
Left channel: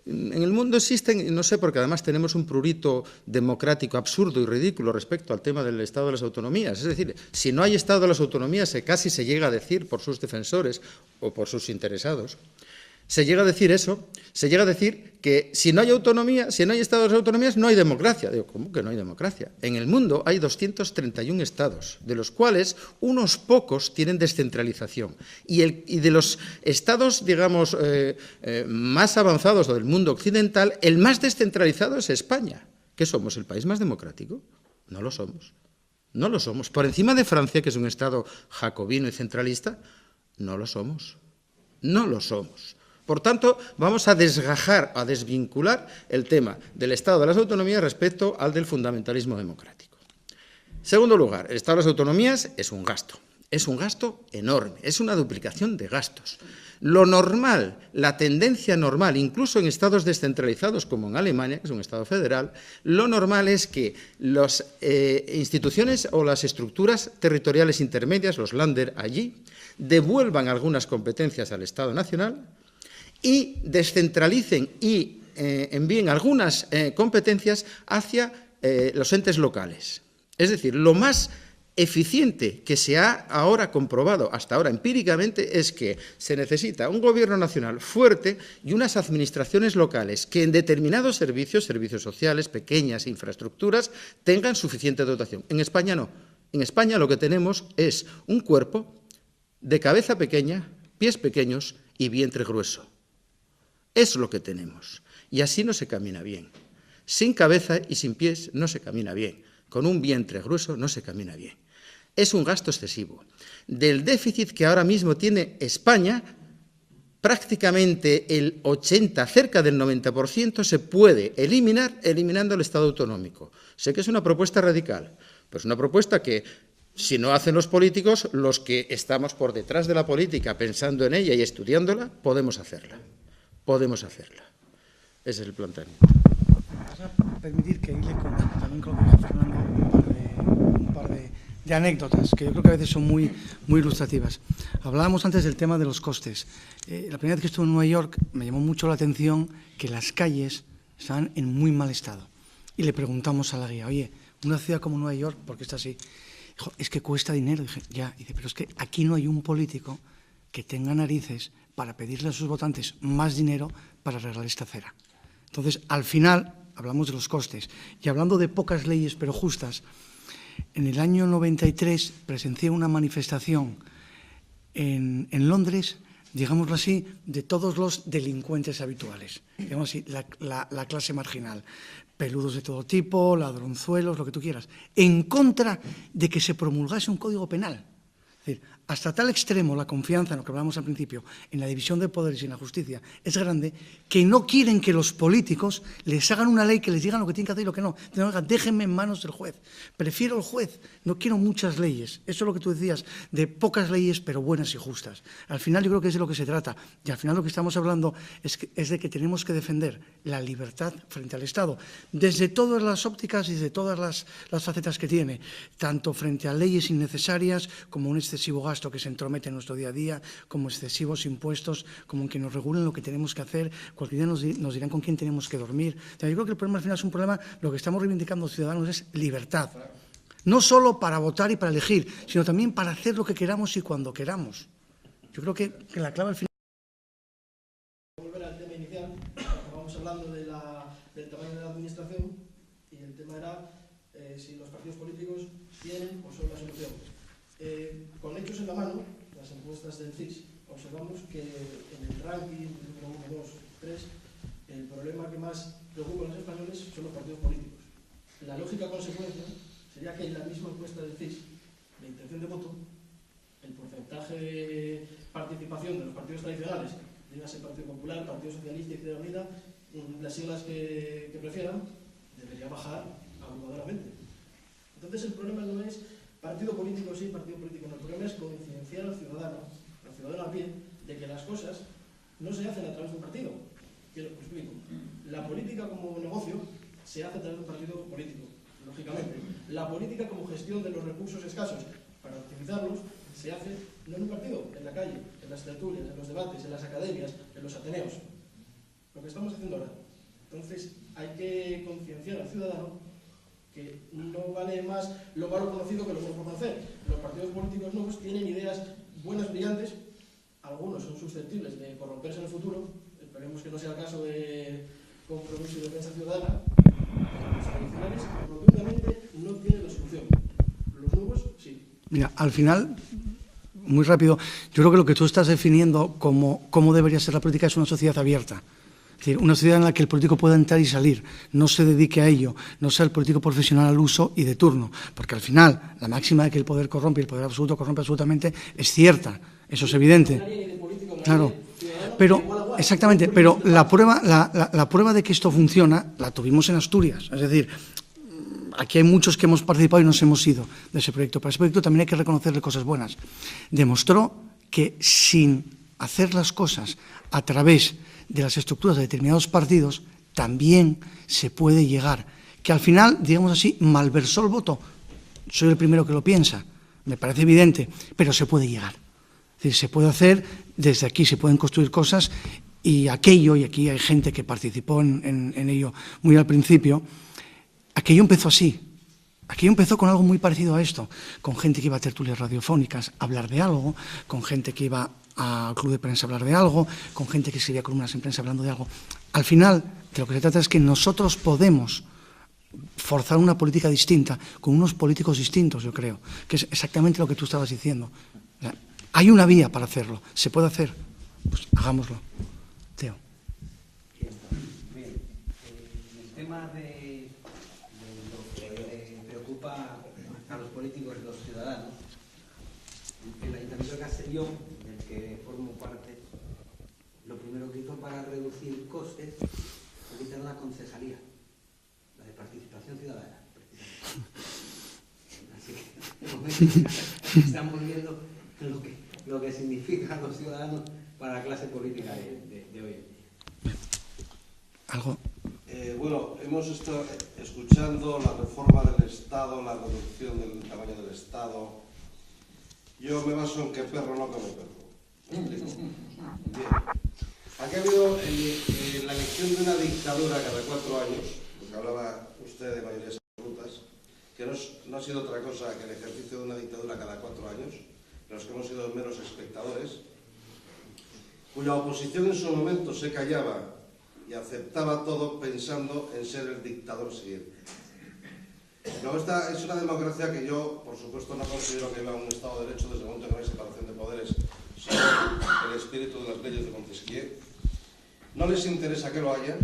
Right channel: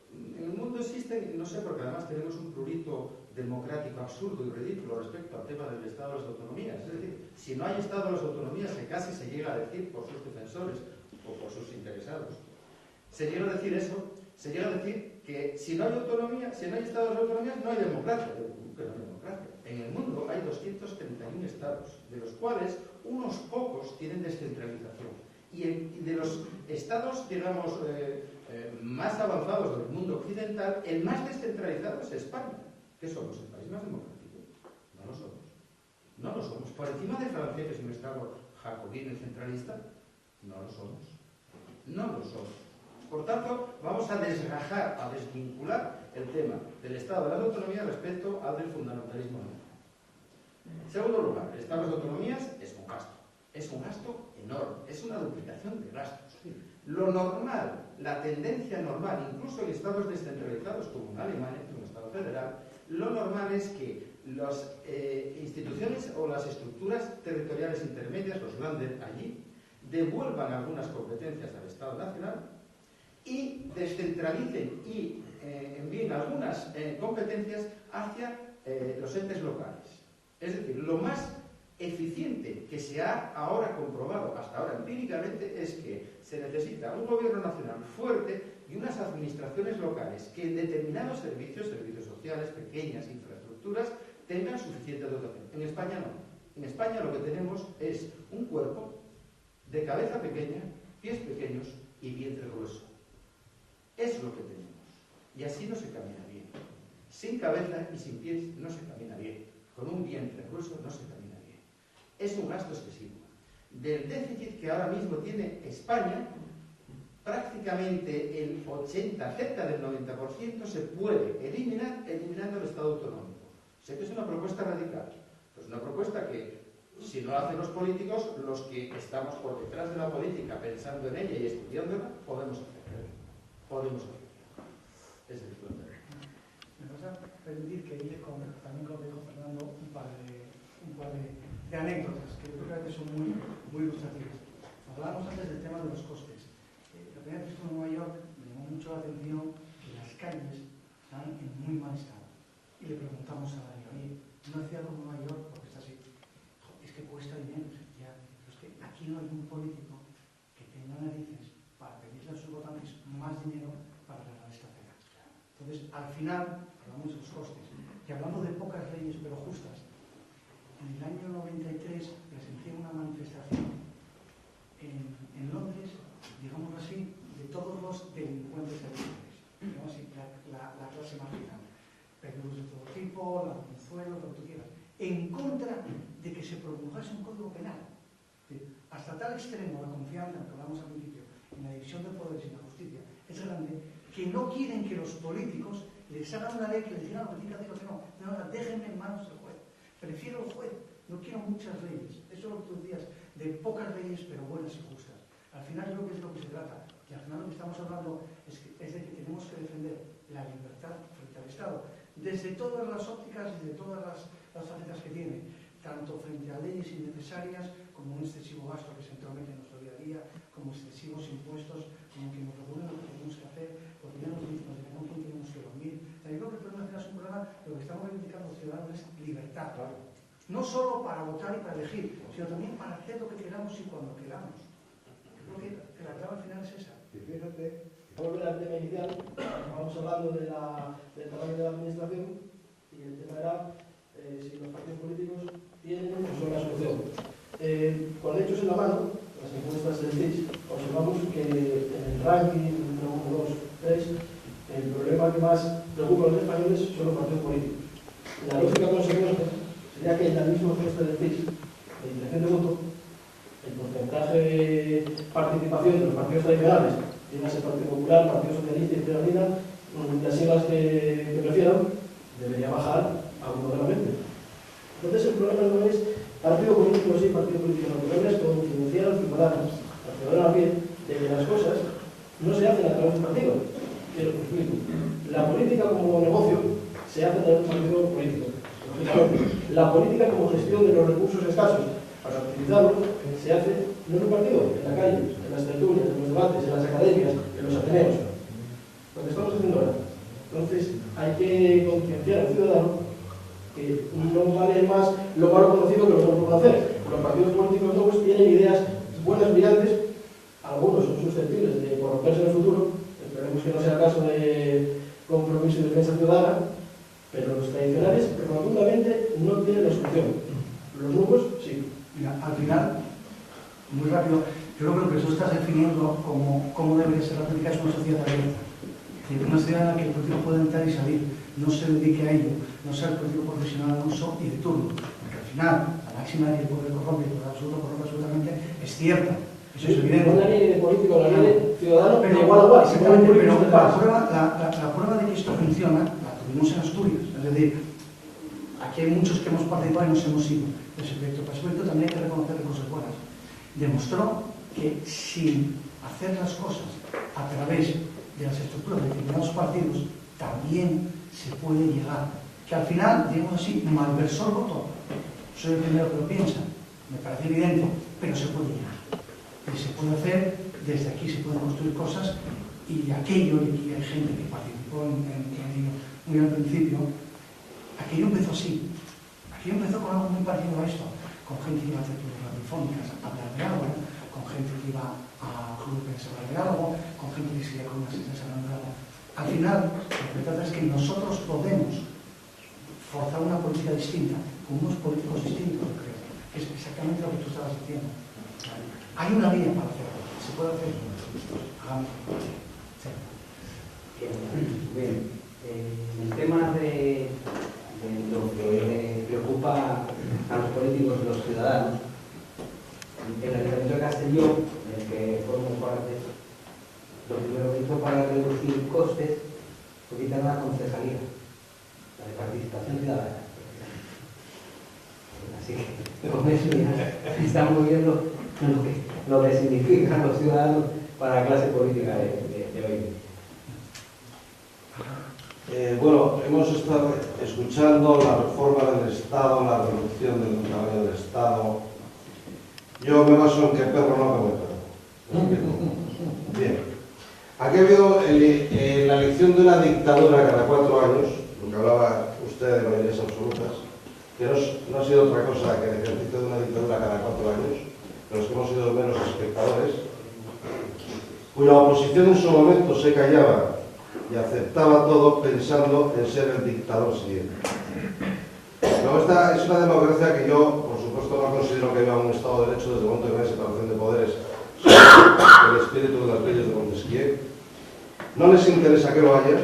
En el mundo existen, no sé, porque además tenemos un prurito democrático absurdo y ridículo respecto al tema del Estado de las autonomías, es decir, si no hay Estado de las autonomías, casi se llega a decir por sus defensores o por sus interesados, se llega a decir eso, se llega a decir que si no hay autonomía, si no hay Estado de las autonomías, no hay democracia. Digo, ¿cómo que no hay democracia? En el mundo hay 231 estados, de los cuales unos pocos tienen descentralización. Y de los estados, digamos, más avanzados del mundo occidental, el más descentralizado es España. ¿Qué somos? ¿El país más democrático? No lo somos. No lo somos. Por encima de Francia, que es un estado jacobino y centralista, no lo somos. No lo somos. Por tanto, vamos a desgajar, a desvincular el tema del Estado de las autonomías respecto al del fundamentalismo democrático. Segundo lugar, el Estado de las autonomías es un gasto enorme, es una duplicación de gastos. Lo normal, la tendencia normal, incluso en estados descentralizados como en Alemania, que es un estado federal, lo normal es que las instituciones o las estructuras territoriales intermedias, los Länder allí, devuelvan algunas competencias al Estado nacional y descentralicen y envíen algunas competencias hacia los entes locales. Es decir, lo más eficiente que se ha ahora comprobado, hasta ahora empíricamente, es que se necesita un gobierno nacional fuerte y unas administraciones locales que en determinados servicios sociales, pequeñas infraestructuras, tengan suficiente dotación. En España no. En España lo que tenemos es un cuerpo de cabeza pequeña, pies pequeños y vientre grueso. Es lo que tenemos. Y así no se camina bien. Sin cabeza y sin pies no se camina bien. Con un vientre grueso no se camina bien. Es un gasto excesivo. Del déficit que ahora mismo tiene España, prácticamente el 80, cerca del 90% se puede eliminar eliminando el Estado autonómico. Sé que es una propuesta radical, pero es una propuesta que, si no hacen los políticos, los que estamos por detrás de la política, pensando en ella y estudiándola, podemos hacerla. Podemos hacerla. Ese es el planteamiento. ¿Me vas a permitir que hile también con lo que dijo Fernando un par de anécdotas, que yo creo que a veces son muy ilustrativas? Hablábamos antes del tema de los costes. La primera vez que estuve en Nueva York me llamó mucho la atención que las calles estaban en muy mal estado. Y le preguntamos a la guía, oye, una ciudad como Nueva York, ¿por qué está así? Dijo, es que cuesta dinero. Dije, ya. Dice, pero es que aquí no hay un político que tenga narices para pedirle a sus votantes más dinero para arreglar esta acera. Entonces, al final, hablamos de los costes. Y hablando de pocas leyes pero justas, en el año 93 presencié una manifestación en Londres, digámoslo así, de todos los delincuentes habituales, digamos así, la clase marginal. Peludos de todo tipo, ladronzuelos, lo que tú quieras, en contra de que se promulgase un código penal. Es decir, hasta tal extremo la confianza, en lo que hablábamos al principio, en la división de poderes y en la justicia, es grande, que no quieren que los políticos les hagan una ley que les digan lo que tienen que hacer y lo que no. Déjenme en manos del juez. Prefiero el juez, no quiero muchas leyes. Eso es lo que tú decías, de pocas leyes, pero buenas y justas. Al final yo creo que es de lo que se trata. Y al final lo que estamos hablando es de que tenemos que defender la libertad frente al Estado, desde todas las ópticas y desde todas las facetas que tiene, tanto frente a leyes innecesarias, como un excesivo gasto que se entromete en nuestro día a día, como excesivos impuestos, como en que nos regulen lo que tenemos que hacer, cualquier día nos dirán con quién tenemos que dormir. O sea, yo creo que el problema al final es un problema, lo que estamos reivindicando los ciudadanos es libertad. No solo para votar y para elegir, sino también para hacer lo que queramos y cuando queramos. Yo creo que la clave al final es esa. Fíjate, volver al tema inicial, estábamos hablando del tamaño de la administración y el tema era si los partidos políticos tienen o son la solución. Con hechos en la mano, las encuestas del CIS, observamos que en el ranking 1, 2, 3, el problema que más preocupa a los españoles son los partidos políticos. La lógica consecuencia sería que en la misma encuesta del CIS, de intención de voto, el porcentaje de participación de los partidos tradicionales, dígase Partido Popular, Partido Socialista y Izquierda Unida, las siglas que prefieran, debería bajar abrumadoramente. Entonces el problema no es partido político sí, partido político no. El problema es concienciar al ciudadano a pie, de que las cosas no se hacen a través del partido. Quiero que explico. La política como negocio se hace a través del partido político. La política como gestión de los recursos escasos para utilizarlos se hace no en un partido, en la calle, en las tertulias, en los debates, en las academias, en los ateneos. Lo que estamos haciendo ahora. Entonces hay que concienciar al ciudadano que no vale más lo malo conocido que lo no por conocer. Los partidos políticos nuevos tienen ideas buenas, brillantes, algunos son susceptibles de corromperse en el futuro, esperemos que no sea el caso de Compromiso y Defensa Ciudadana, pero los tradicionales, que rotundamente no tienen la solución. Los nuevos, sí. Mira, al final, muy rápido, yo creo que lo que tú estás definiendo como cómo debería ser la política es una sociedad abierta. Es decir, una sociedad en la que el político pueda entrar y salir, no se dedique a ello, no sea el político profesional al uso y de turno, porque al final la máxima de que el poder corrompe y el poder absoluto corrompe absolutamente es cierta, eso es evidente. Claro, pero exactamente, pero la prueba de que esto funciona la tuvimos en Asturias, es decir, aquí hay muchos que hemos participado y nos hemos ido de ese proyecto. Para ese proyecto también hay que reconocerle cosas buenas. Demostró que sin hacer las cosas a través de las estructuras de determinados partidos, también se puede llegar. Que al final, digamos así, malversó el voto. Soy el primero que lo piensa, me parece evidente, pero se puede llegar. Es decir, se puede hacer, desde aquí se pueden construir cosas y aquello, y aquí hay gente que participó en ello muy al principio, aquello empezó así. Aquello empezó con algo muy parecido a esto, con gente que iba a tertulias radiofónicas a hablar de algo, con gente que iba al club de prensa a hablar de algo, con gente que escribía columnas en prensa hablando de algo. Al final, de lo que se trata es que nosotros podemos forzar una política distinta, con unos políticos distintos, yo creo, que es exactamente lo que tú estabas diciendo. Hay una vía para hacerlo, se puede hacer, pues hagámoslo. Bien, el tema de preocupa a los políticos y los ciudadanos. En el caso de Castellón, en el que formo parte, lo primero que hizo para reducir costes fue quitar la concejalía, la de participación ciudadana. Así que, de momento, ya estamos viendo lo que significan los ciudadanos para la clase política de hoy. Bueno, hemos estado escuchando la reforma del Estado, la reducción del tamaño del Estado. Yo me baso en que perro no come perro. Bien. Aquí ha habido la elección de una dictadura cada 4 años, lo que hablaba usted de mayorías absolutas, que no ha sido otra cosa que el ejercicio de una dictadura cada 4 años, en los que hemos sido menos espectadores, cuya oposición en su momento se callaba y aceptaba todo pensando en ser el dictador siguiente. Luego esta es una democracia que yo, por supuesto, no considero que viva un Estado de Derecho desde el momento que no hay separación de poderes, el espíritu de las leyes de Montesquieu. No les interesa que lo haya.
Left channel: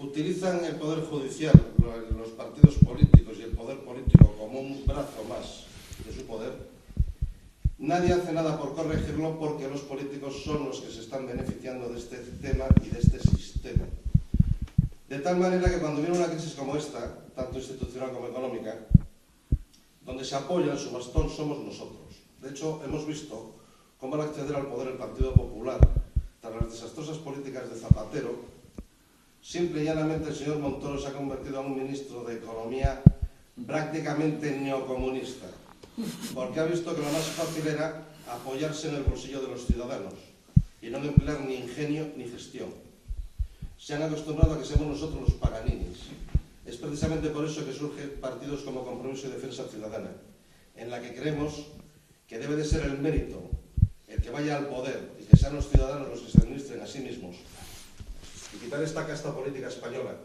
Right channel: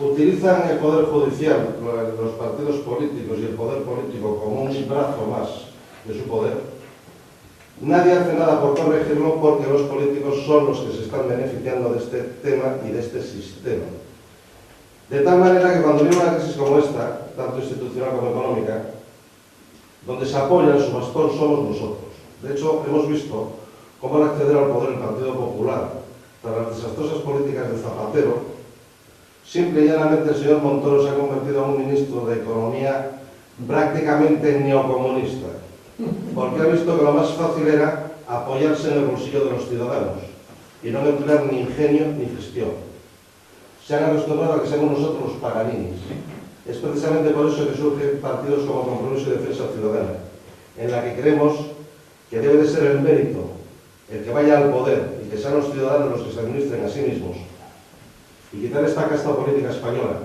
Utilizan el Poder Judicial, los partidos políticos y el poder político como un brazo más de su poder. Nadie hace nada por corregirlo porque los políticos son los que se están beneficiando de este tema y de este sistema. De tal manera que cuando viene una crisis como esta, tanto institucional como económica, donde se apoya en su bastón somos nosotros. De hecho, hemos visto cómo al acceder al poder el Partido Popular, tras las desastrosas políticas de Zapatero, simple y llanamente el señor Montoro se ha convertido en un ministro de Economía prácticamente neocomunista, porque ha visto que lo más fácil era apoyarse en el bolsillo de los ciudadanos y no emplear ni ingenio ni gestión. Se han acostumbrado a que seamos nosotros los paganinis. Es precisamente por eso que surgen partidos como Compromiso y Defensa Ciudadana, en la que creemos que debe de ser el mérito el que vaya al poder y que sean los ciudadanos los que se administren a sí mismos y quitar esta casta política española,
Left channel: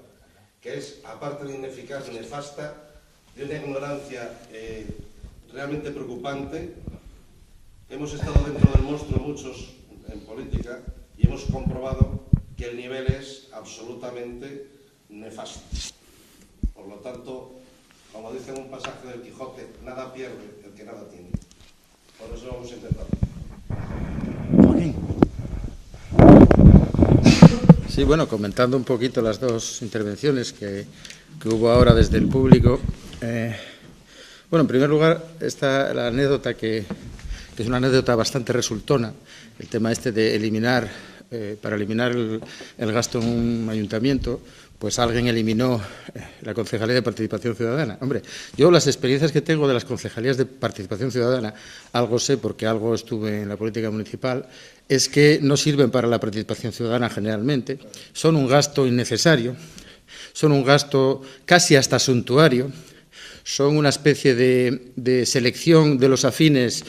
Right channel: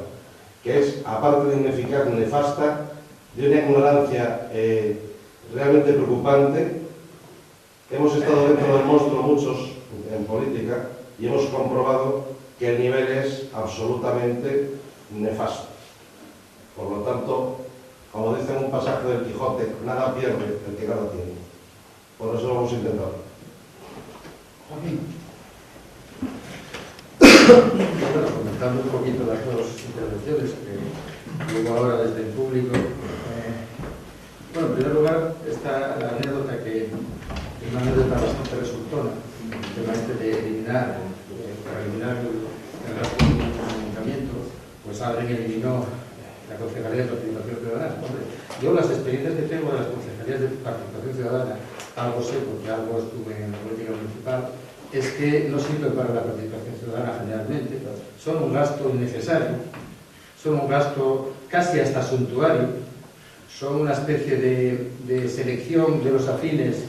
que es, aparte de ineficaz y nefasta, de una ignorancia realmente preocupante. Hemos estado dentro del monstruo muchos en política y hemos comprobado que el nivel es absolutamente nefasto. Por lo tanto, como dice en un pasaje del Quijote, nada pierde el que nada tiene. Por eso lo hemos intentado. Sí, bueno, comentando un poquito las dos intervenciones que hubo ahora desde el público. Bueno, en primer lugar, está la anécdota que es una anécdota bastante resultona, el tema este de eliminar, para eliminar el gasto en un ayuntamiento, pues alguien eliminó la Concejalía de Participación Ciudadana. Hombre, yo las experiencias que tengo de las concejalías de Participación Ciudadana, algo sé porque algo estuve en la política municipal, es que no sirven para la participación ciudadana generalmente, son un gasto innecesario, son un gasto casi hasta suntuario, son una especie de selección de los afines,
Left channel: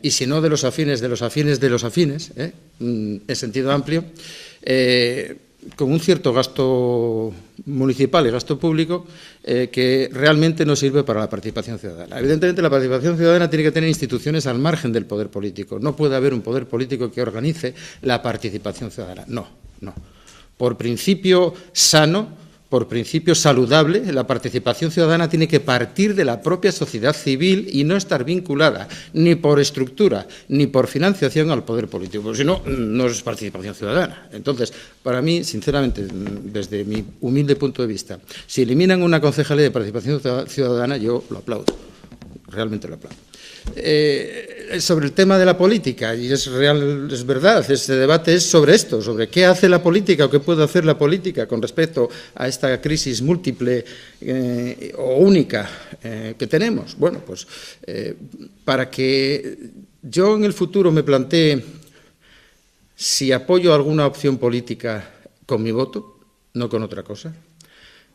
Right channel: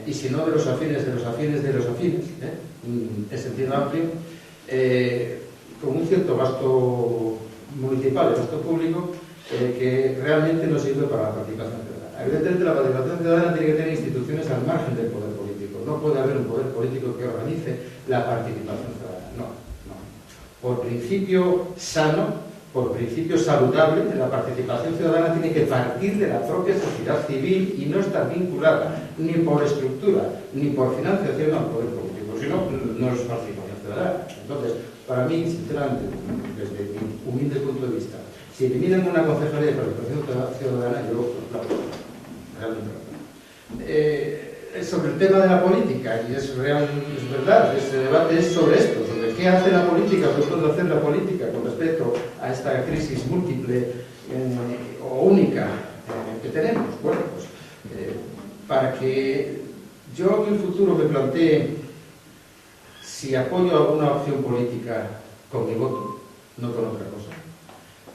y si no de los afines, de los afines de los afines, en sentido amplio, con un cierto gasto municipal y gasto público que realmente no sirve para la participación ciudadana. Evidentemente, la participación ciudadana tiene que tener instituciones al margen del poder político. No puede haber un poder político que organice la participación ciudadana. No. Por principio sano, por principio saludable, la participación ciudadana tiene que partir de la propia sociedad civil y no estar vinculada ni por estructura ni por financiación al poder político, porque si no, no es participación ciudadana. Entonces, para mí, sinceramente, desde mi humilde punto de vista, si eliminan una concejalía de participación ciudadana, yo lo aplaudo, realmente lo aplaudo. Sobre el tema de la política, y es verdad, este debate es sobre esto, sobre qué hace la política o qué puede hacer la política con respecto a esta crisis múltiple o única que tenemos. Bueno, pues para que yo en el futuro me plantee si apoyo alguna opción política con mi voto, no con otra cosa,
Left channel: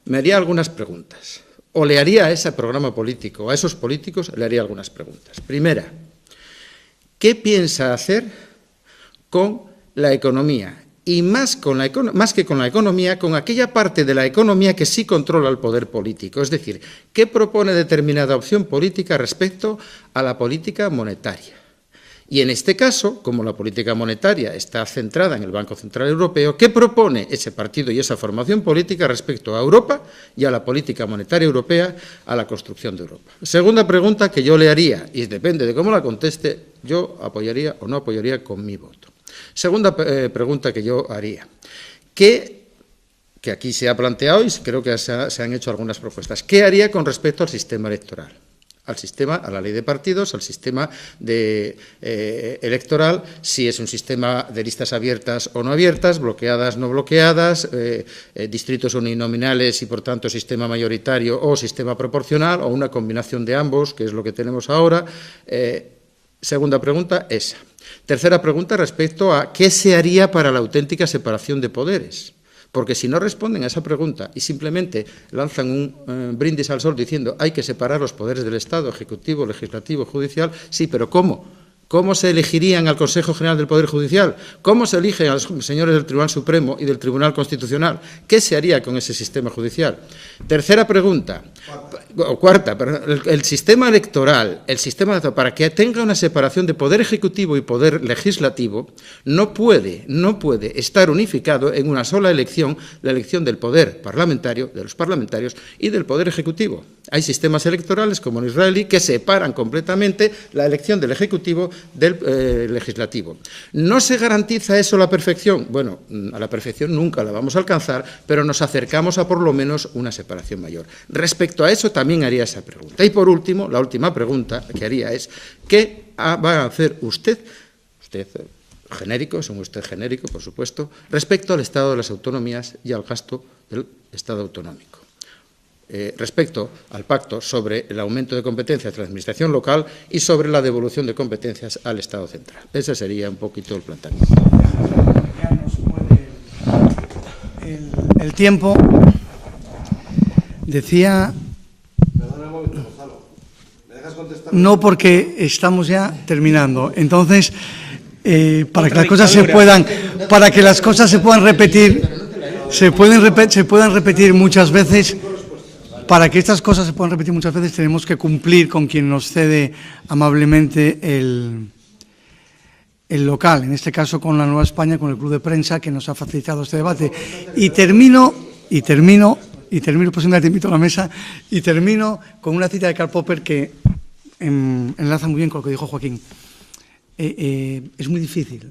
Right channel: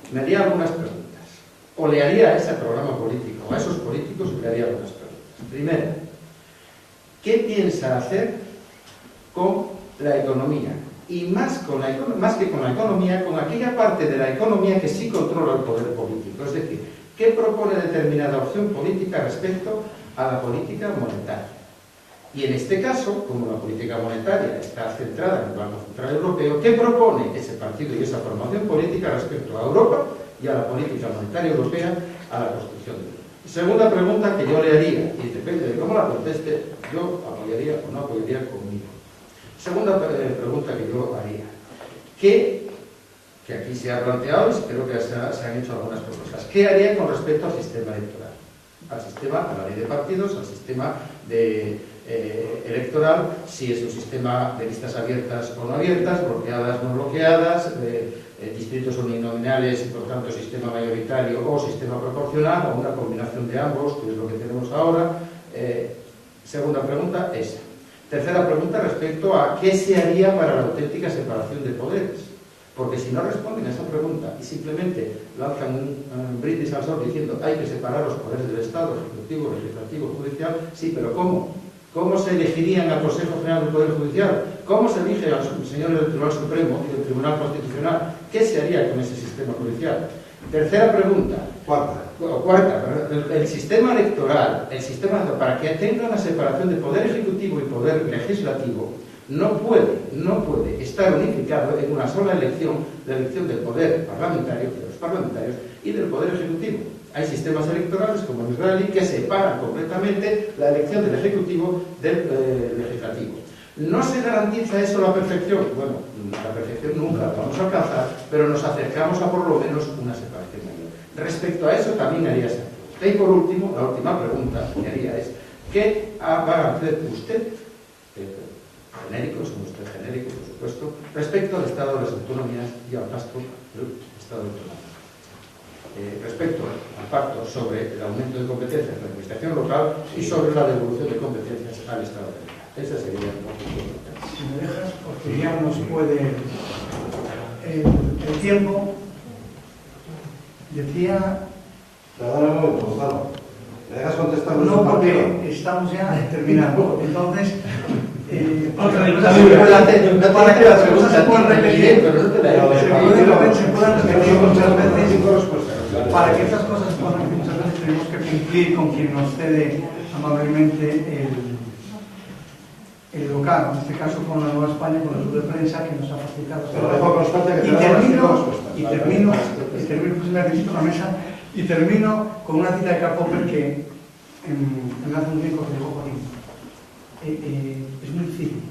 me haría algunas preguntas, o le haría a ese programa político, a esos políticos le haría algunas preguntas. Primera, ¿qué piensa hacer con la economía? Y más que con la economía, con aquella parte de la economía que sí controla el poder político. Es decir, ¿qué propone determinada opción política respecto a la política monetaria? Y en este caso, como la política monetaria está centrada en el Banco Central Europeo, ¿qué propone ese partido y esa formación política respecto a Europa y a la política monetaria europea, a la construcción de Europa? Segunda pregunta que yo le haría, y depende de cómo la conteste, yo apoyaría o no apoyaría con mi voto. Segunda pregunta que yo haría, que aquí se ha planteado y creo que se han hecho algunas propuestas. ¿Qué haría con respecto al sistema electoral? A la ley de partidos, al sistema electoral, si es un sistema de listas abiertas o no abiertas, bloqueadas, no bloqueadas, distritos uninominales y por tanto sistema mayoritario o sistema proporcional, o una combinación de ambos, que es lo que tenemos ahora. Segunda pregunta, esa. Tercera pregunta respecto a qué se haría para la auténtica separación de poderes. Porque si no responden a esa pregunta y simplemente lanzan un brindis al sol diciendo hay que separar los poderes del Estado, ejecutivo, legislativo, judicial, sí, pero ¿cómo? ¿Cómo se elegirían al Consejo General del Poder Judicial? ¿Cómo se eligen a los señores del Tribunal Supremo y del Tribunal Constitucional? ¿Qué se haría con ese sistema judicial? Tercera pregunta. Cuarta, perdón, el sistema electoral, para que tenga una separación de poder ejecutivo y poder legislativo, no puede estar unificado en una sola elección, la elección del poder parlamentario, de los parlamentarios, y del poder ejecutivo. Hay sistemas electorales, como el israelí, que separan completamente la elección del ejecutivo del legislativo. ¿No se garantiza eso la perfección? Bueno, la perfección nunca la vamos a alcanzar, pero nos acercamos a por lo menos una separación mayor. Respecto a eso también haría esa pregunta. Y por último, la última pregunta que haría es, ¿qué va a hacer usted genérico, siendo usted genérico, por supuesto, respecto al estado de las autonomías y al gasto del Estado autonómico? Respecto al pacto sobre el aumento de competencias de la administración local y sobre la devolución de competencias al Estado central. Ese sería un poquito el planteamiento. El tiempo, decía, no, porque estamos ya terminando. Entonces, para que las cosas se puedan repetir, se puedan repetir muchas veces. Para que estas cosas se puedan repetir muchas veces tenemos que cumplir con quien nos cede amablemente el local, en este caso con la Nueva España, con el Club de Prensa que nos ha facilitado este debate. Y termino, pues una te invito a la mesa, y termino con una cita de Karl Popper que enlaza muy bien con lo que dijo Joaquín. Es muy difícil,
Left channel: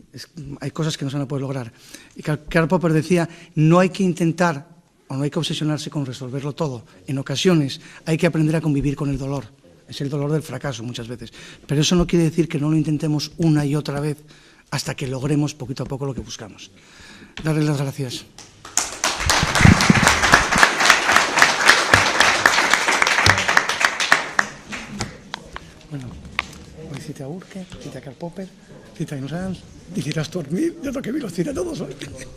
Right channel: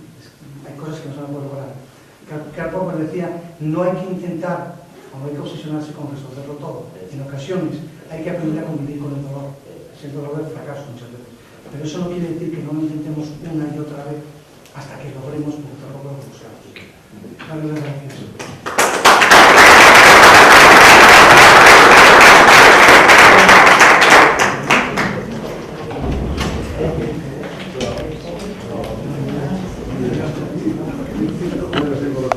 hay cosas que no se van a poder lograr. Y Karl Popper decía, no hay que intentar o no hay que obsesionarse con resolverlo todo. En ocasiones hay que aprender a convivir con el dolor. Es el dolor del fracaso muchas veces. Pero eso no quiere decir que no lo intentemos una y otra vez hasta que logremos poquito a poco lo que buscamos. Darles las gracias. Y